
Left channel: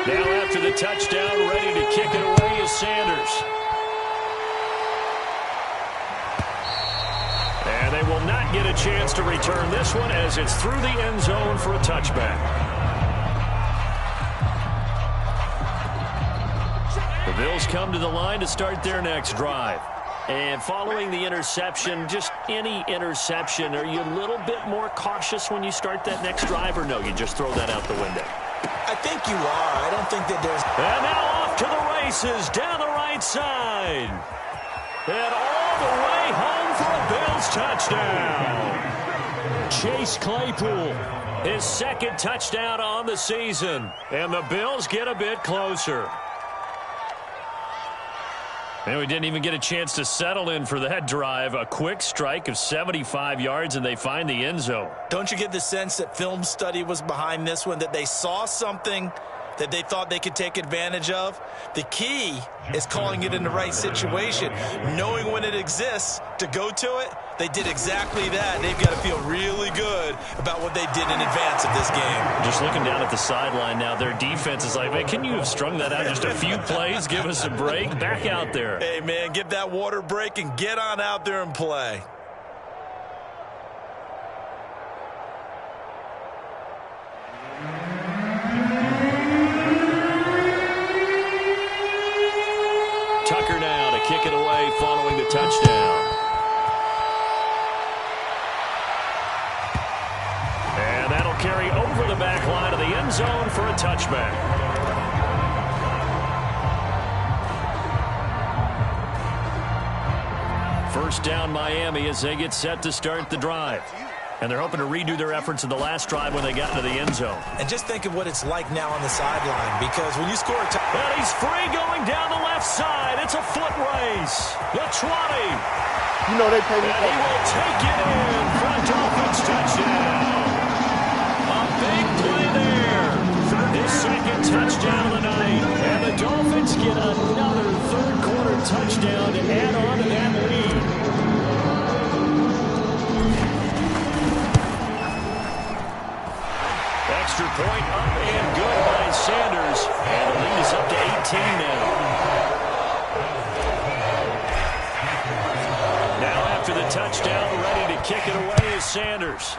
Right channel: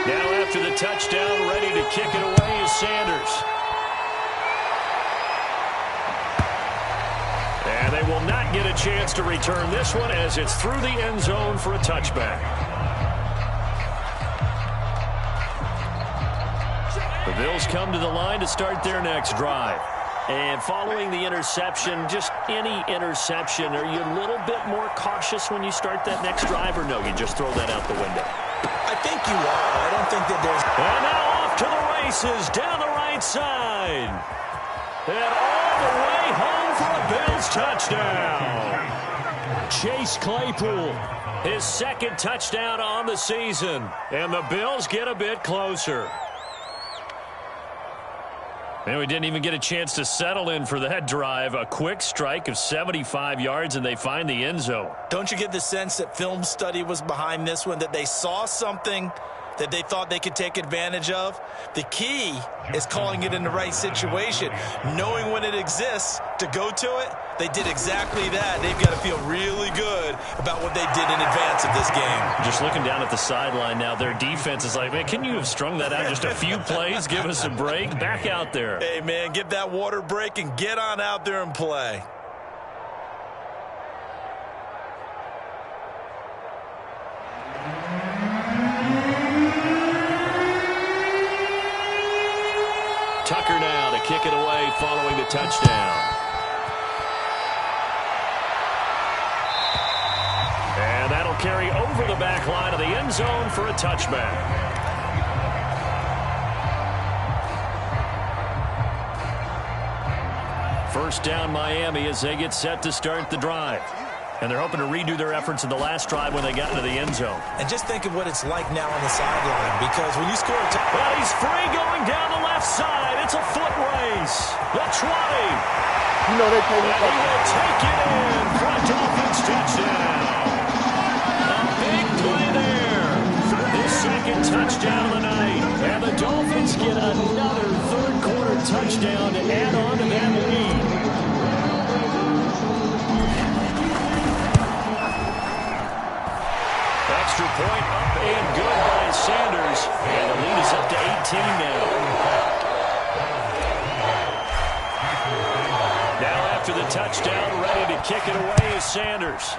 Now after the touchdown, ready to kick it away is Sanders. And they will not get a chance to return this one as it's through the end zone for a touchback. The Bills come to the line to start their next drive. And following the interception, just any interception, are you a little bit more cautious when you start that next drive, or no, you just throw that out the window? I think you are. I don't think that there's... And now off to the races down the right side. And all the way home for a Bills touchdown. Chase Claypool, his 2nd touchdown on the season. And the Bills get a bit closer. And we didn't even get a chance to settle in for that drive. A quick strike of 75 yards, and they find the end zone. Don't you get the sense that film study was behind this one, that they saw something that they thought they could take advantage of? The key is calling it in the right situation, knowing when it exists to go to it, they did exactly that. They've got to feel really good about what they did in advance of this game. Just looking down at the sideline now, their defense is like, man, can you have strung that out just a few plays? Give us a break. Back out there. Hey, man, give that water break and get on out there and play. Tucker now to kick it away following the touchdown. And that'll carry over the back line of the end zone for a touchback. First down Miami as they get set to start the drive. And they're hoping to redo their efforts in the last drive when they got into the end zone. And just think of what it's like now on the sideline, because when you score a touchdown. Well, he's free going down the left side. It's a foot race. The 20. You know they pay me. And he will take it in for a Dolphins touchdown. A big play there. His second touchdown of the night. And the Dolphins get another third-quarter touchdown to add on to that lead. Extra point up and good by Sanders. And the lead is up to 18 now. Now after the touchdown, ready to kick it away is Sanders.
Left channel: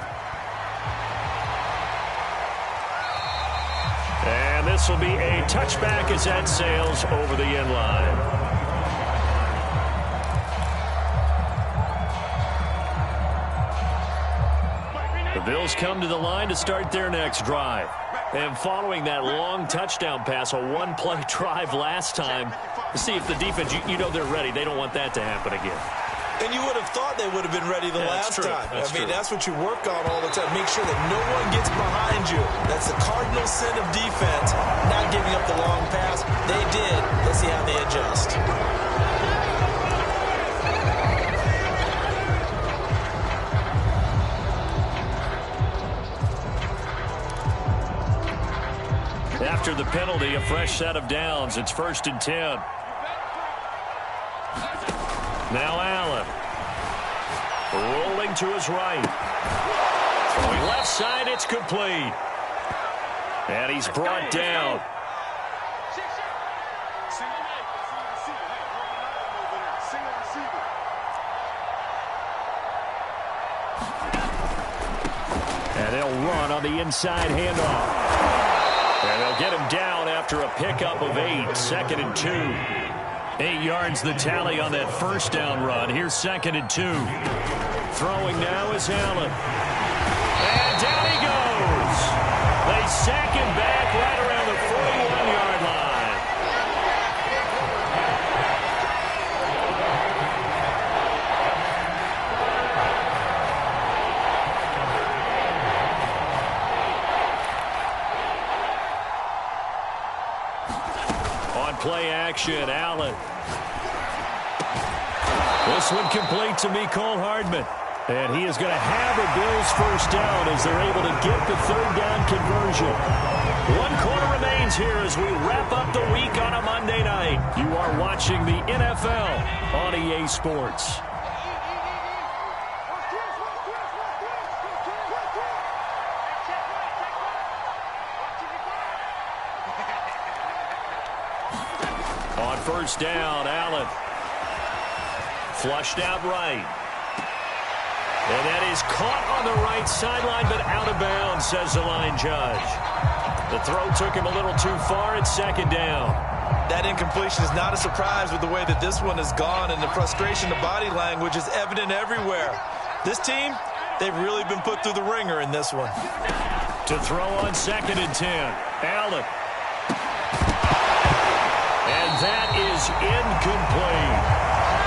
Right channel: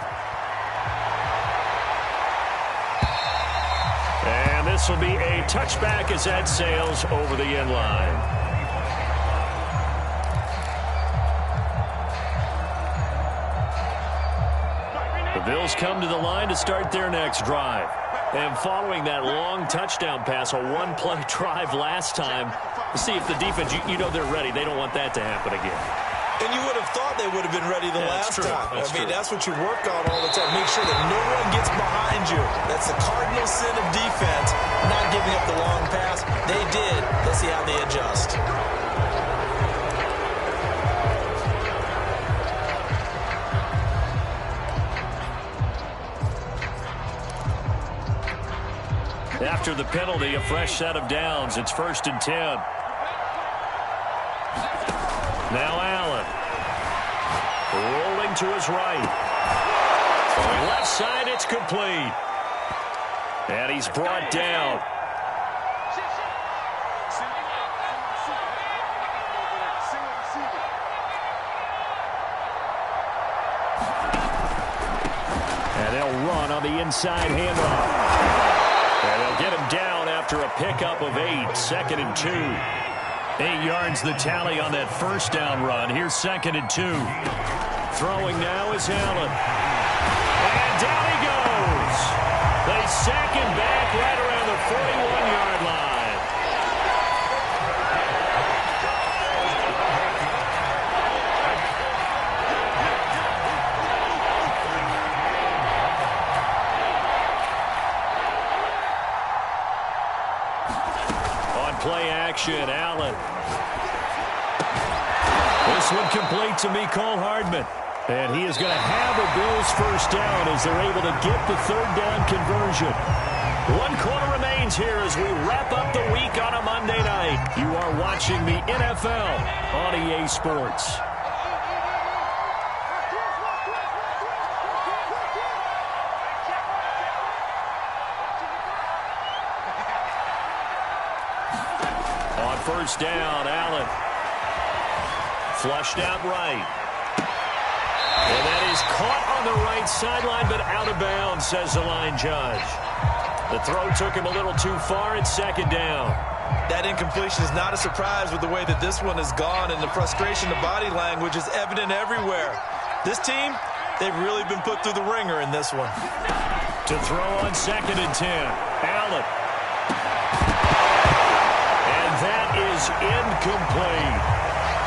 And this will be a touchback as that sails over the end line. The Bills come to the line to start their next drive. And following that long touchdown pass, a one-play drive last time, see if the defense, you know they're ready. They don't want that to happen again. And you would have thought they would have been ready the last time. That's what you work on all the time. Make sure that no one gets behind you. That's the cardinal sin of defense, not giving up the long pass. They did. Let's see how they adjust. After the penalty, a fresh set of downs. It's 1st and 10. Now Allen. Rolling to his right. Throwing left side, it's complete. And he's brought down. And they'll run on the inside handoff. And they'll get him down after a pickup of 8. 2nd and 2. 8 yards the tally on that first down run. Here's 2nd and 2. Throwing now is Allen. And down he goes. They sack him back right around the 41-yard line. Play action, Allen. This one complete to Mecole Hardman. And he is going to have a Bills first down as they're able to get the third down conversion. 1 quarter remains here as we wrap up the week on a Monday night. You are watching the NFL on EA Sports. On first down, Allen. Flushed out right. And that is caught on the right sideline, but out of bounds, says the line judge. The throw took him a little too far. It's 2nd down. That incompletion is not a surprise with the way that this one has gone, and the frustration of body language is evident everywhere. This team, they've really been put through the ringer in this one. To throw on 2nd and 10, Allen. And that is incomplete.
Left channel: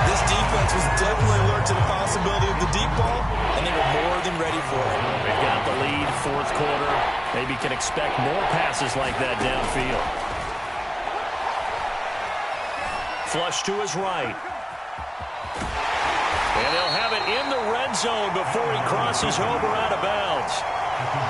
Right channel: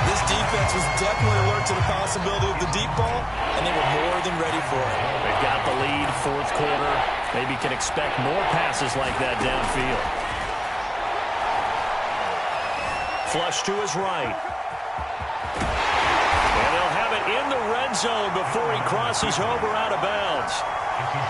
This defense was definitely alert to the possibility of the deep ball, and they were more than ready for it. They've got the lead, 4th quarter. Maybe can expect more passes like that downfield. Flush to his right. And they'll have it in the red zone before he crosses over out of bounds.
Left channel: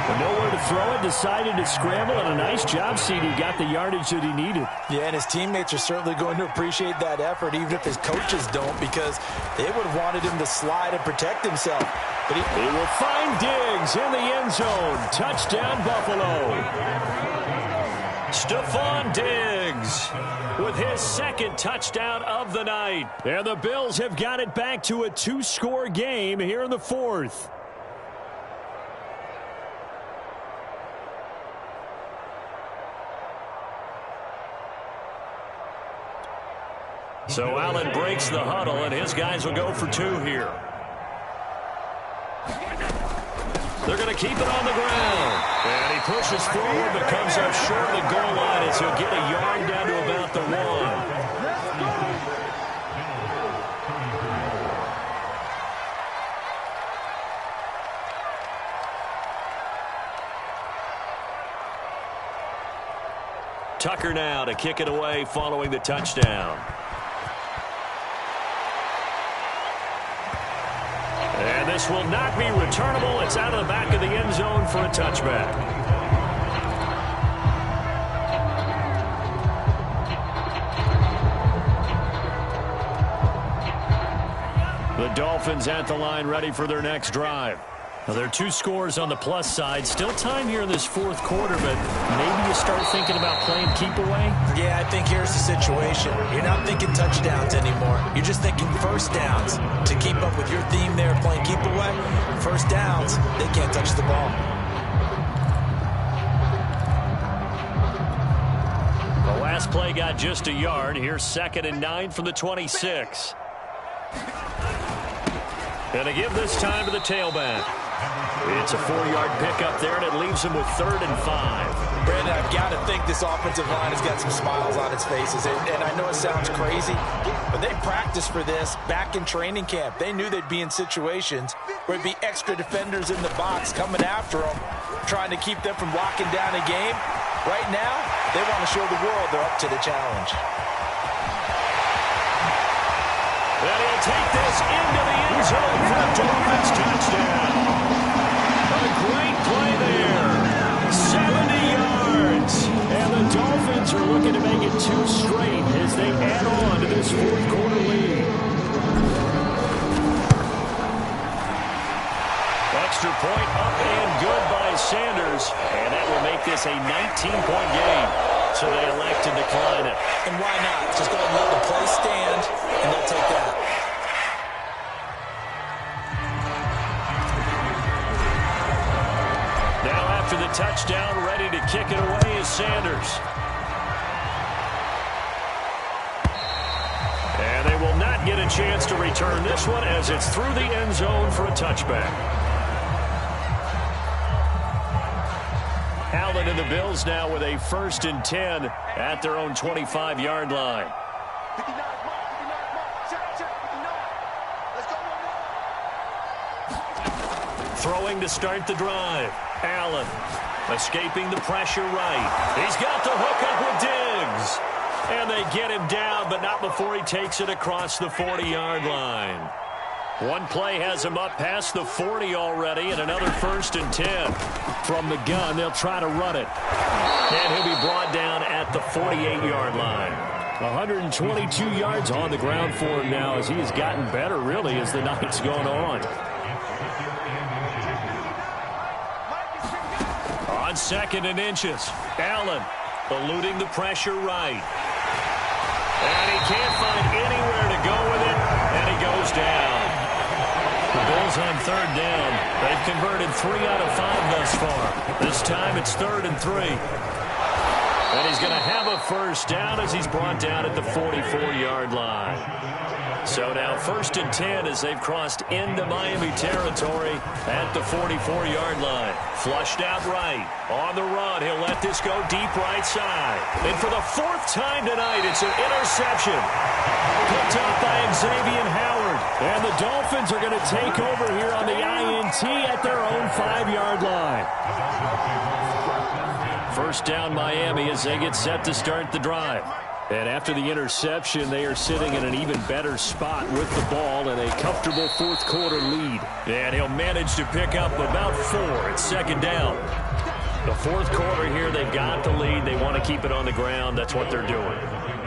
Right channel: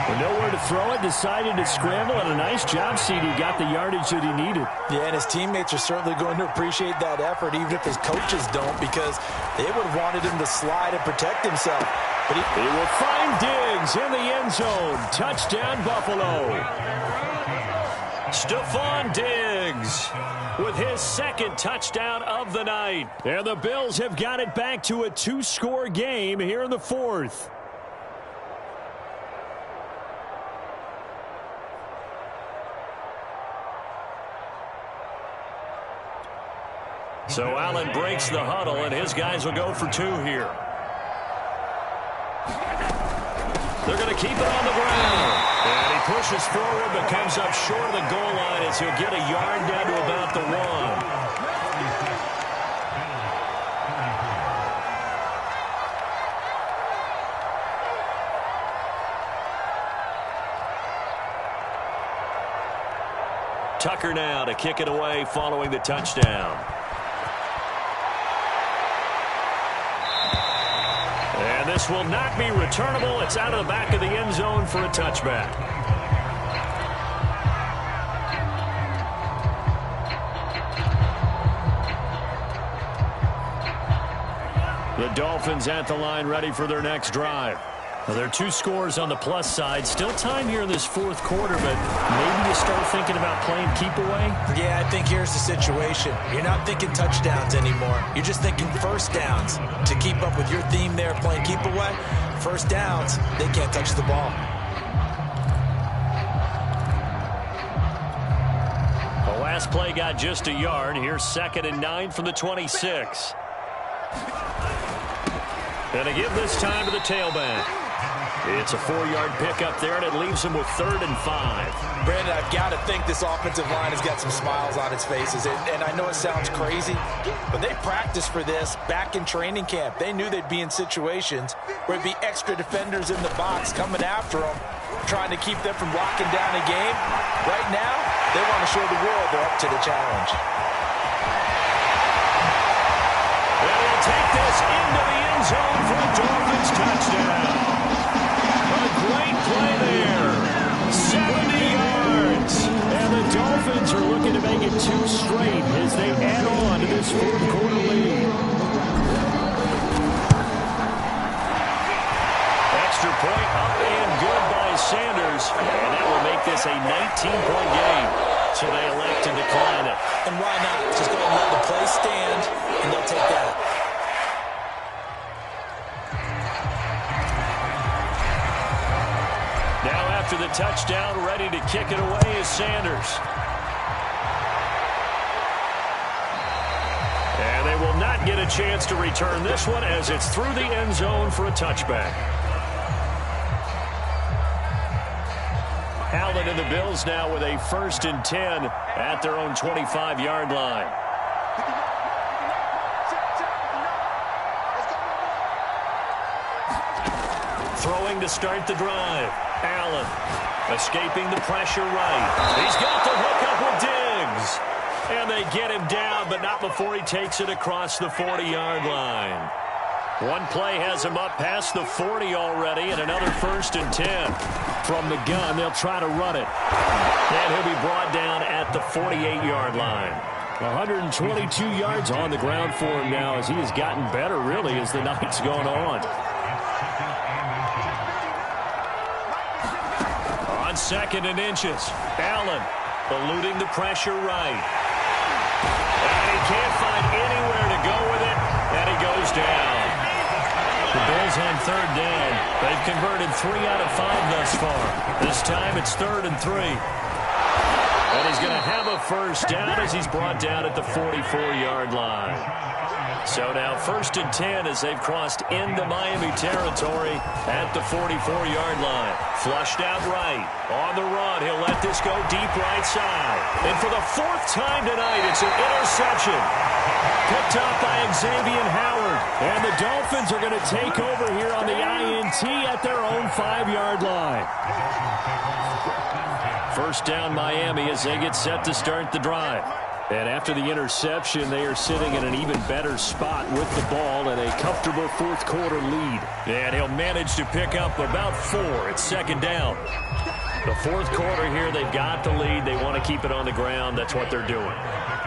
With nowhere to throw it, decided to scramble, and a nice job, CD. Got the yardage that he needed. Yeah, and his teammates are certainly going to appreciate that effort, even if his coaches don't, because they would have wanted him to slide and protect himself. But he will find Diggs in the end zone. Touchdown, Buffalo. Stephon Diggs with his second touchdown of the night. And the Bills have got it back to a 2-score game here in the fourth. So Allen breaks the huddle, and his guys will go for 2 here. They're going to keep it on the ground. And he pushes forward but comes up short of the goal line as he'll get a yard down to about the 1. Tucker now to kick it away following the touchdown. And this will not be returnable. It's out of the back of the end zone for a touchback. The Dolphins at the line, ready for their next drive. Now, there are 2 scores on the plus side. Still time here in this fourth quarter, but maybe you start thinking about playing keep away? Yeah, I think here's the situation. You're not thinking touchdowns anymore. You're just thinking first downs. To keep up with your theme there, playing keep away, first downs, they can't touch the ball. The last play got just a yard. Here's 2nd and 9 from the 26. And to give this time to the tailback. It's a 4-yard pickup there, and it leaves him with 3rd and 5. Brandon, I've got to think this offensive line has got some smiles on its faces. And I know it sounds crazy, but they practiced for this back in training camp. They knew they'd be in situations where there'd be extra defenders in the box coming after them, trying to keep them from locking down a game. Right now, they want to show the world they're up to the challenge. And he'll take this into the end zone for a Dolphins touchdown. A great play there. 70 yards. And the Dolphins are looking to make it 2 straight as they add on to this fourth quarter lead. Extra point up and good by Sanders. And that will make this a 19-point game. So they elect to decline it. And why not? Just go ahead and let the play stand, and they'll take that. Now after the touchdown, ready to kick it away is Sanders. And they will not get a chance to return this one as it's through the end zone for a touchback. Allen and the Bills now with a 1st and 10 at their own 25-yard line. 59, let's go. Throwing to start the drive. Allen escaping the pressure right. He's got the hook up with Diggs. And they get him down, but not before he takes it across the 40-yard line. One play has him up past the 40 already, and another 1st and 10. From the gun, they'll try to run it. And he'll be brought down at the 48-yard line. 122 yards on the ground for him now as he has gotten better, really, as the night's gone on. On 2nd and inches, Allen eluding the pressure right. And he can't find anywhere to go with it, and he goes down. The Bills on 3rd down. They've converted 3 out of 5 thus far. This time it's 3rd and 3. And he's going to have a 1st down as he's brought down at the 44-yard line. So now 1st and 10 as they've crossed into Miami territory at the 44-yard line. Flushed out right. On the run, he'll let this go deep right side. And for the 4th time tonight, it's an interception. Picked up by Xavier Howard. And the Dolphins are going to take over here on the INT at their own 5-yard line. 1st down Miami as they get set to start the drive. And after the interception, they are sitting in an even better spot with the ball and a comfortable fourth-quarter lead. And he'll manage to pick up about 4 at second down. The fourth quarter here, they've got the lead. They want to keep it on the ground. That's what they're doing.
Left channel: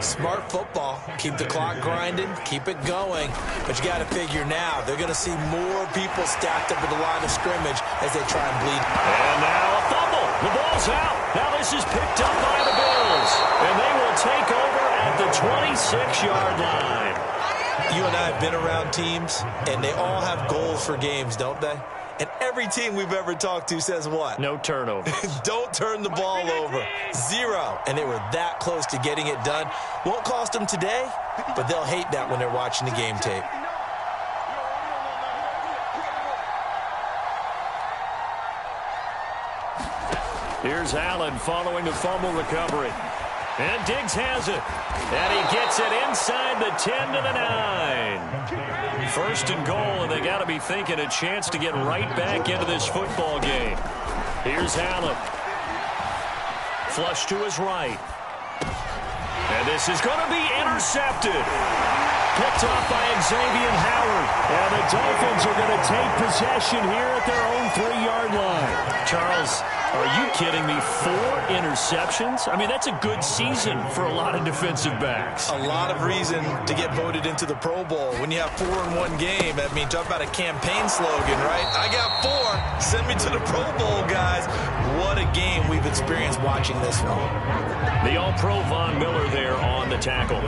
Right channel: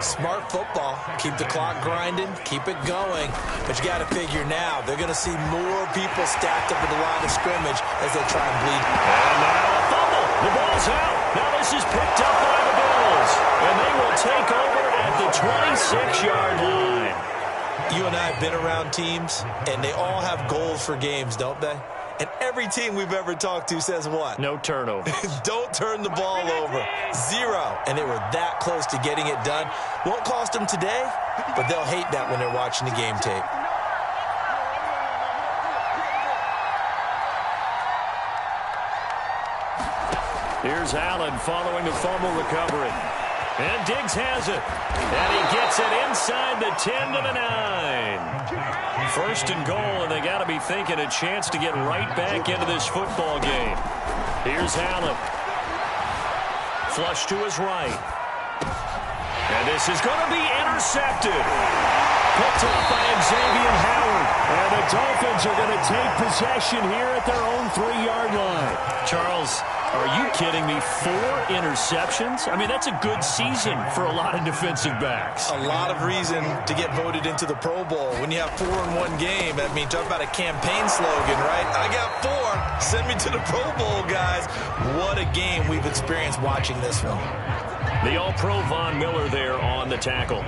Smart football. Keep the clock grinding. Keep it going. But you got to figure now, they're going to see more people stacked up at the line of scrimmage as they try and bleed. And now a fumble. The ball's out. Now this is picked up by the Bills. And they will take over at the 26-yard line. You and I have been around teams, and they all have goals for games, don't they? And every team we've ever talked to says what? No turnovers. Don't turn the ball over. 0. And they were that close to getting it done. Won't cost them today, but they'll hate that when they're watching the game tape. Here's Allen following the fumble recovery. And Diggs has it. And he gets it inside the 10 to the 9. First and goal, and they got to be thinking a chance to get right back into this football game. Here's Allen. Flush to his right. And this is going to be intercepted. Picked off by Xavier Howard. And the Dolphins are going to take possession here at their own 3-yard line. Charles, are you kidding me? 4 interceptions? I mean, that's a good season for a lot of defensive backs. A lot of reason to get voted into the Pro Bowl. When you have 4 in one game, I mean, talk about a campaign slogan, right? I got 4. Send me to the Pro Bowl, guys. What a game we've experienced watching this one. The All-Pro Von Miller there on the tackle.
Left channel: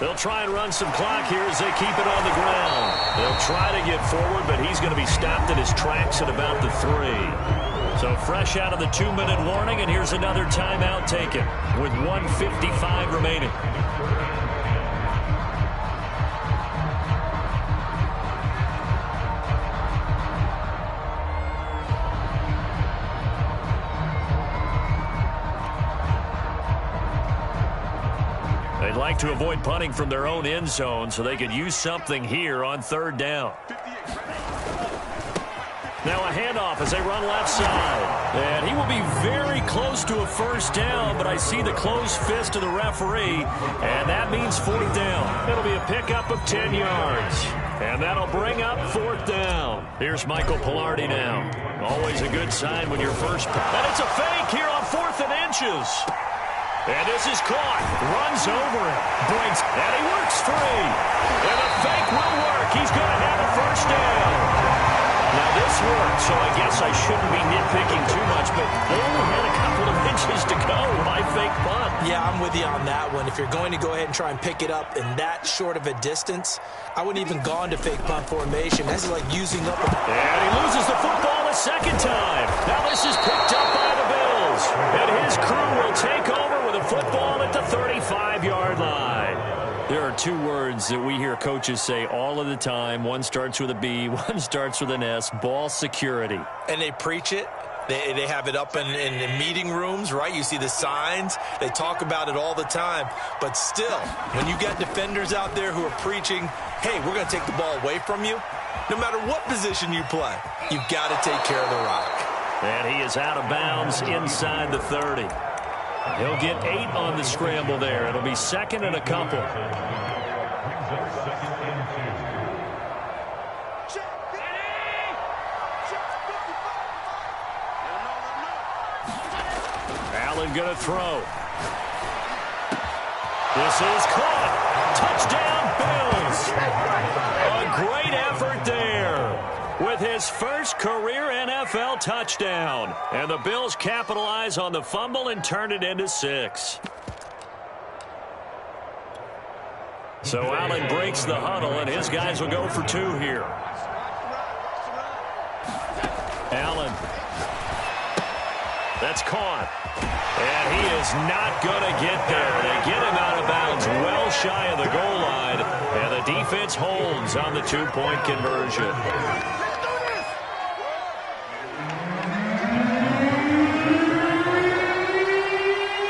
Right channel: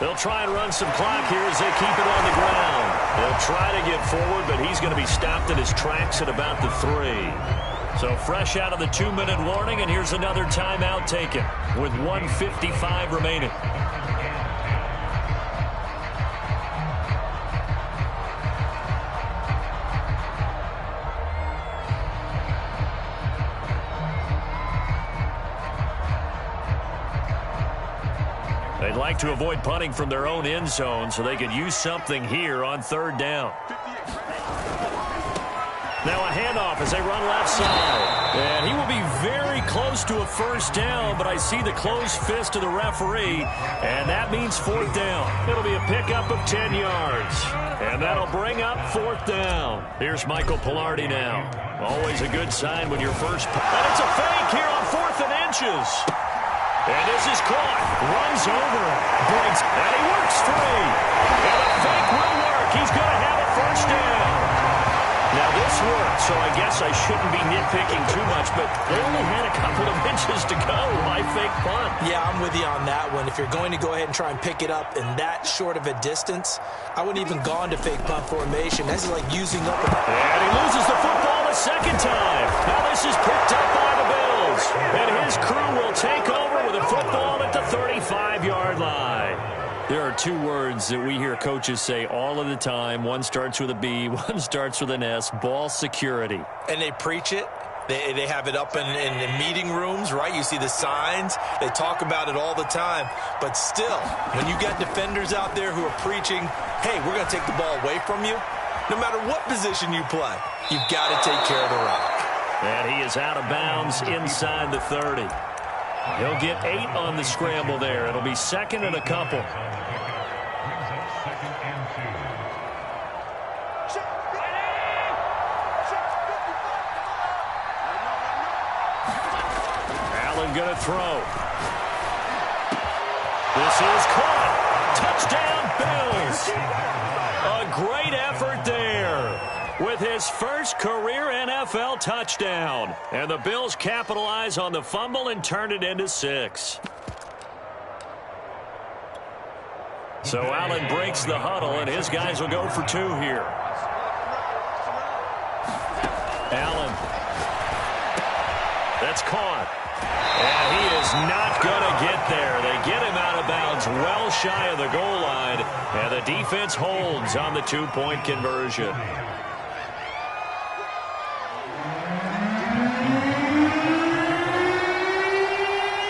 They'll try and run some clock here as they keep it on the ground. They'll try to get forward, but he's going to be stopped in his tracks at about the 3. So fresh out of the 2-minute warning, and here's another timeout taken with 1:55 remaining. They'd like to avoid punting from their own end zone so they could use something here on 3rd down. Now a handoff as they run left side. And he will be very close to a first down, but I see the closed fist of the referee, and that means 4th down. It'll be a pickup of 10 yards. And that'll bring up 4th down. Here's Michael Pilardi now. Always a good sign when you're first. And it's a fake here on 4th and inches. And this is caught. Runs over it. Breaks. And he works free. And the fake will work. He's going to have a first down. Now this worked, so I guess I shouldn't be nitpicking too much, but they only had a couple of inches to go. Why fake punt? Yeah, I'm with you on that one. If you're going to go ahead and try and pick it up in that short of a distance, I wouldn't even go into fake punt formation. That's like using up And he loses the football a second time. Now this is picked up by the Bills. And his crew will take over with a football at the 35-yard line. There are 2 words that we hear coaches say all of the time. One starts with a B, one starts with an S, ball security. And they preach it. They have it up in meeting rooms, right? You see the signs. They talk about it all the time. But still, when you got defenders out there who are preaching, hey, we're going to take the ball away from you, no matter what position you play, you've got to take care of the rock. And he is out of bounds inside the 30. He'll get 8 on the scramble there. It'll be 2nd and a couple. Allen going to throw. This is caught. Touchdown, Bills. A great effort there with his first career NFL touchdown. And the Bills capitalize on the fumble and turn it into 6. So Allen breaks the huddle, and his guys will go for 2 here. Allen. That's caught. And he is not going to get there. They get him out of bounds well shy of the goal line. And the defense holds on the 2-point conversion.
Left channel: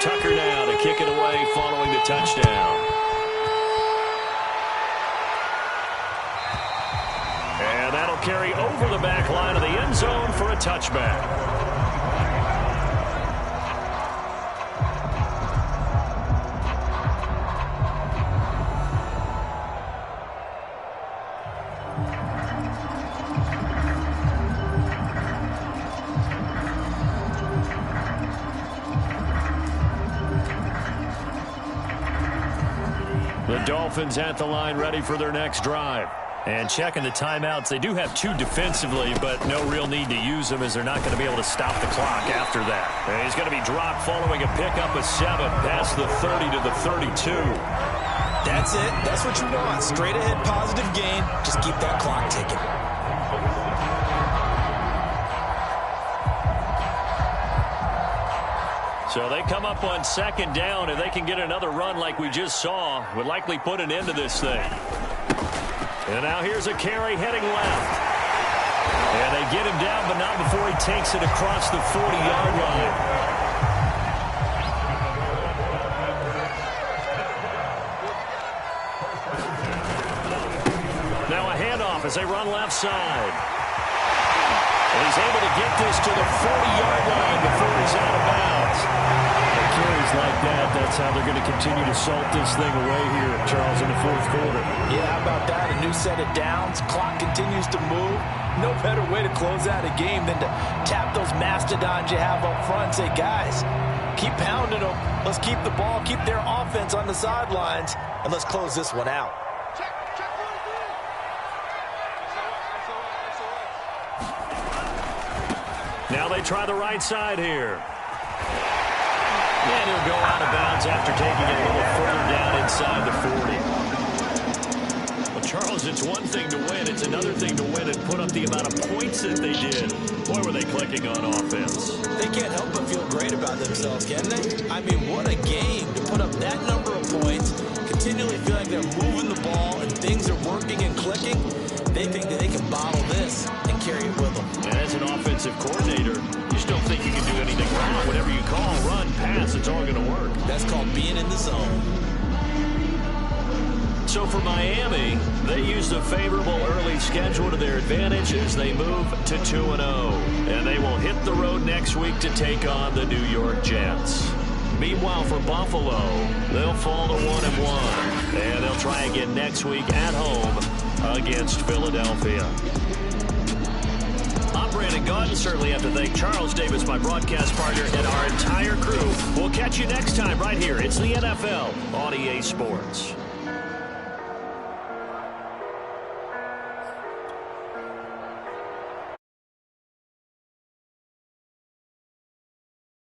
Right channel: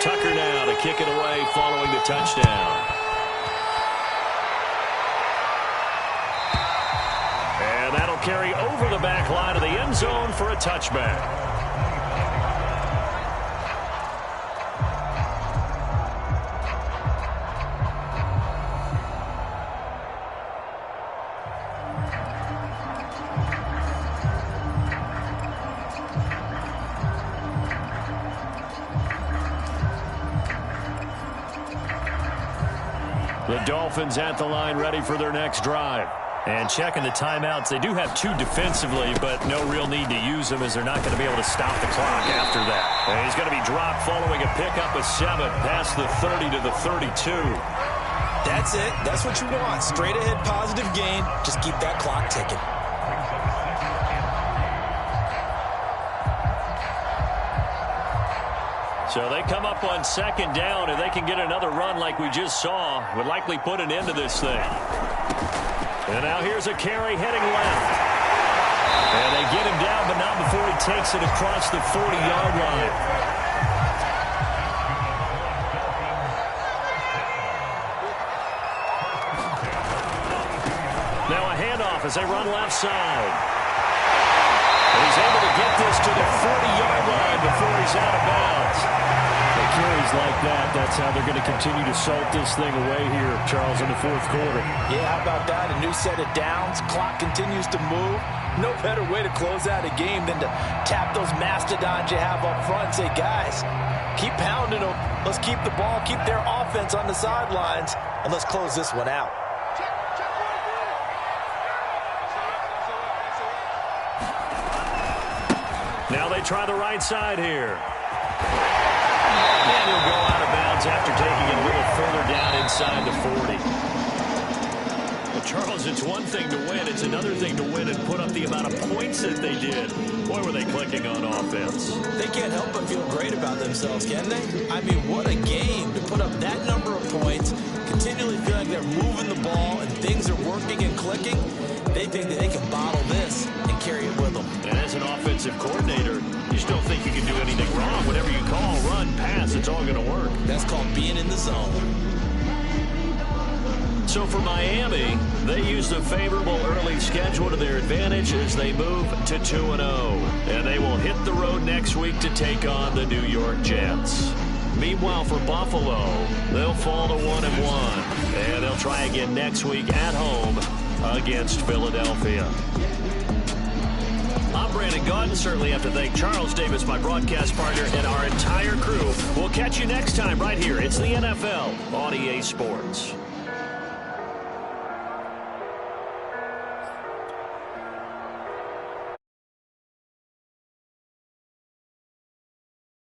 Tucker now to kick it away following the touchdown. And that'll carry over the back line of the end zone for a touchback. The Dolphins at the line ready for their next drive. And checking the timeouts, they do have 2 defensively, but no real need to use them as they're not going to be able to stop the clock after that. And he's going to be dropped following a pickup of 7 past the 30 to the 32. That's it. That's what you want. Straight ahead positive gain. Just keep that clock ticking. So they come up on 2nd down. If they can get another run like we just saw, would likely put an end to this thing. And now here's a carry heading left. And they get him down, but not before he takes it across the 40-yard line. Now a handoff as they run left side. And he's able to get this to the 40-yard line before he's out of bounds. The carries like that, that's how they're going to continue to salt this thing away here, Charles, in the 4th quarter. Yeah, how about that? A new set of downs. Clock continues to move. No better way to close out a game than to tap those mastodons you have up front and say, guys, keep pounding them. Let's keep the ball, keep their offense on the sidelines, and let's close this one out. Now they try the right side here. And he'll go out of bounds after taking it a little further down inside the 40. Well, Charles, it's one thing to win. It's another thing to win and put up the amount of points that they did. Boy, were they clicking on offense. They can't help but feel great about themselves, can they? I mean, what a game to put up that number of points, continually feel like they're moving the ball and things are working and clicking. They think that they can bottle this and carry it with them. And as an offensive coordinator, you just don't think you can do anything wrong. Whatever you call, run, pass, it's all going to work. That's called being in the zone. So for Miami, they used a favorable early schedule to their advantage as they move to 2-0. And they will hit the road next week to take on the New York Jets. Meanwhile, for Buffalo, they'll fall to 1-1. And they'll try again next week at home against Philadelphia. I'm Brandon Gaudin. Certainly have to thank Charles Davis, my broadcast partner, and our entire crew. We'll catch you next time right here. It's the NFL on EA Sports.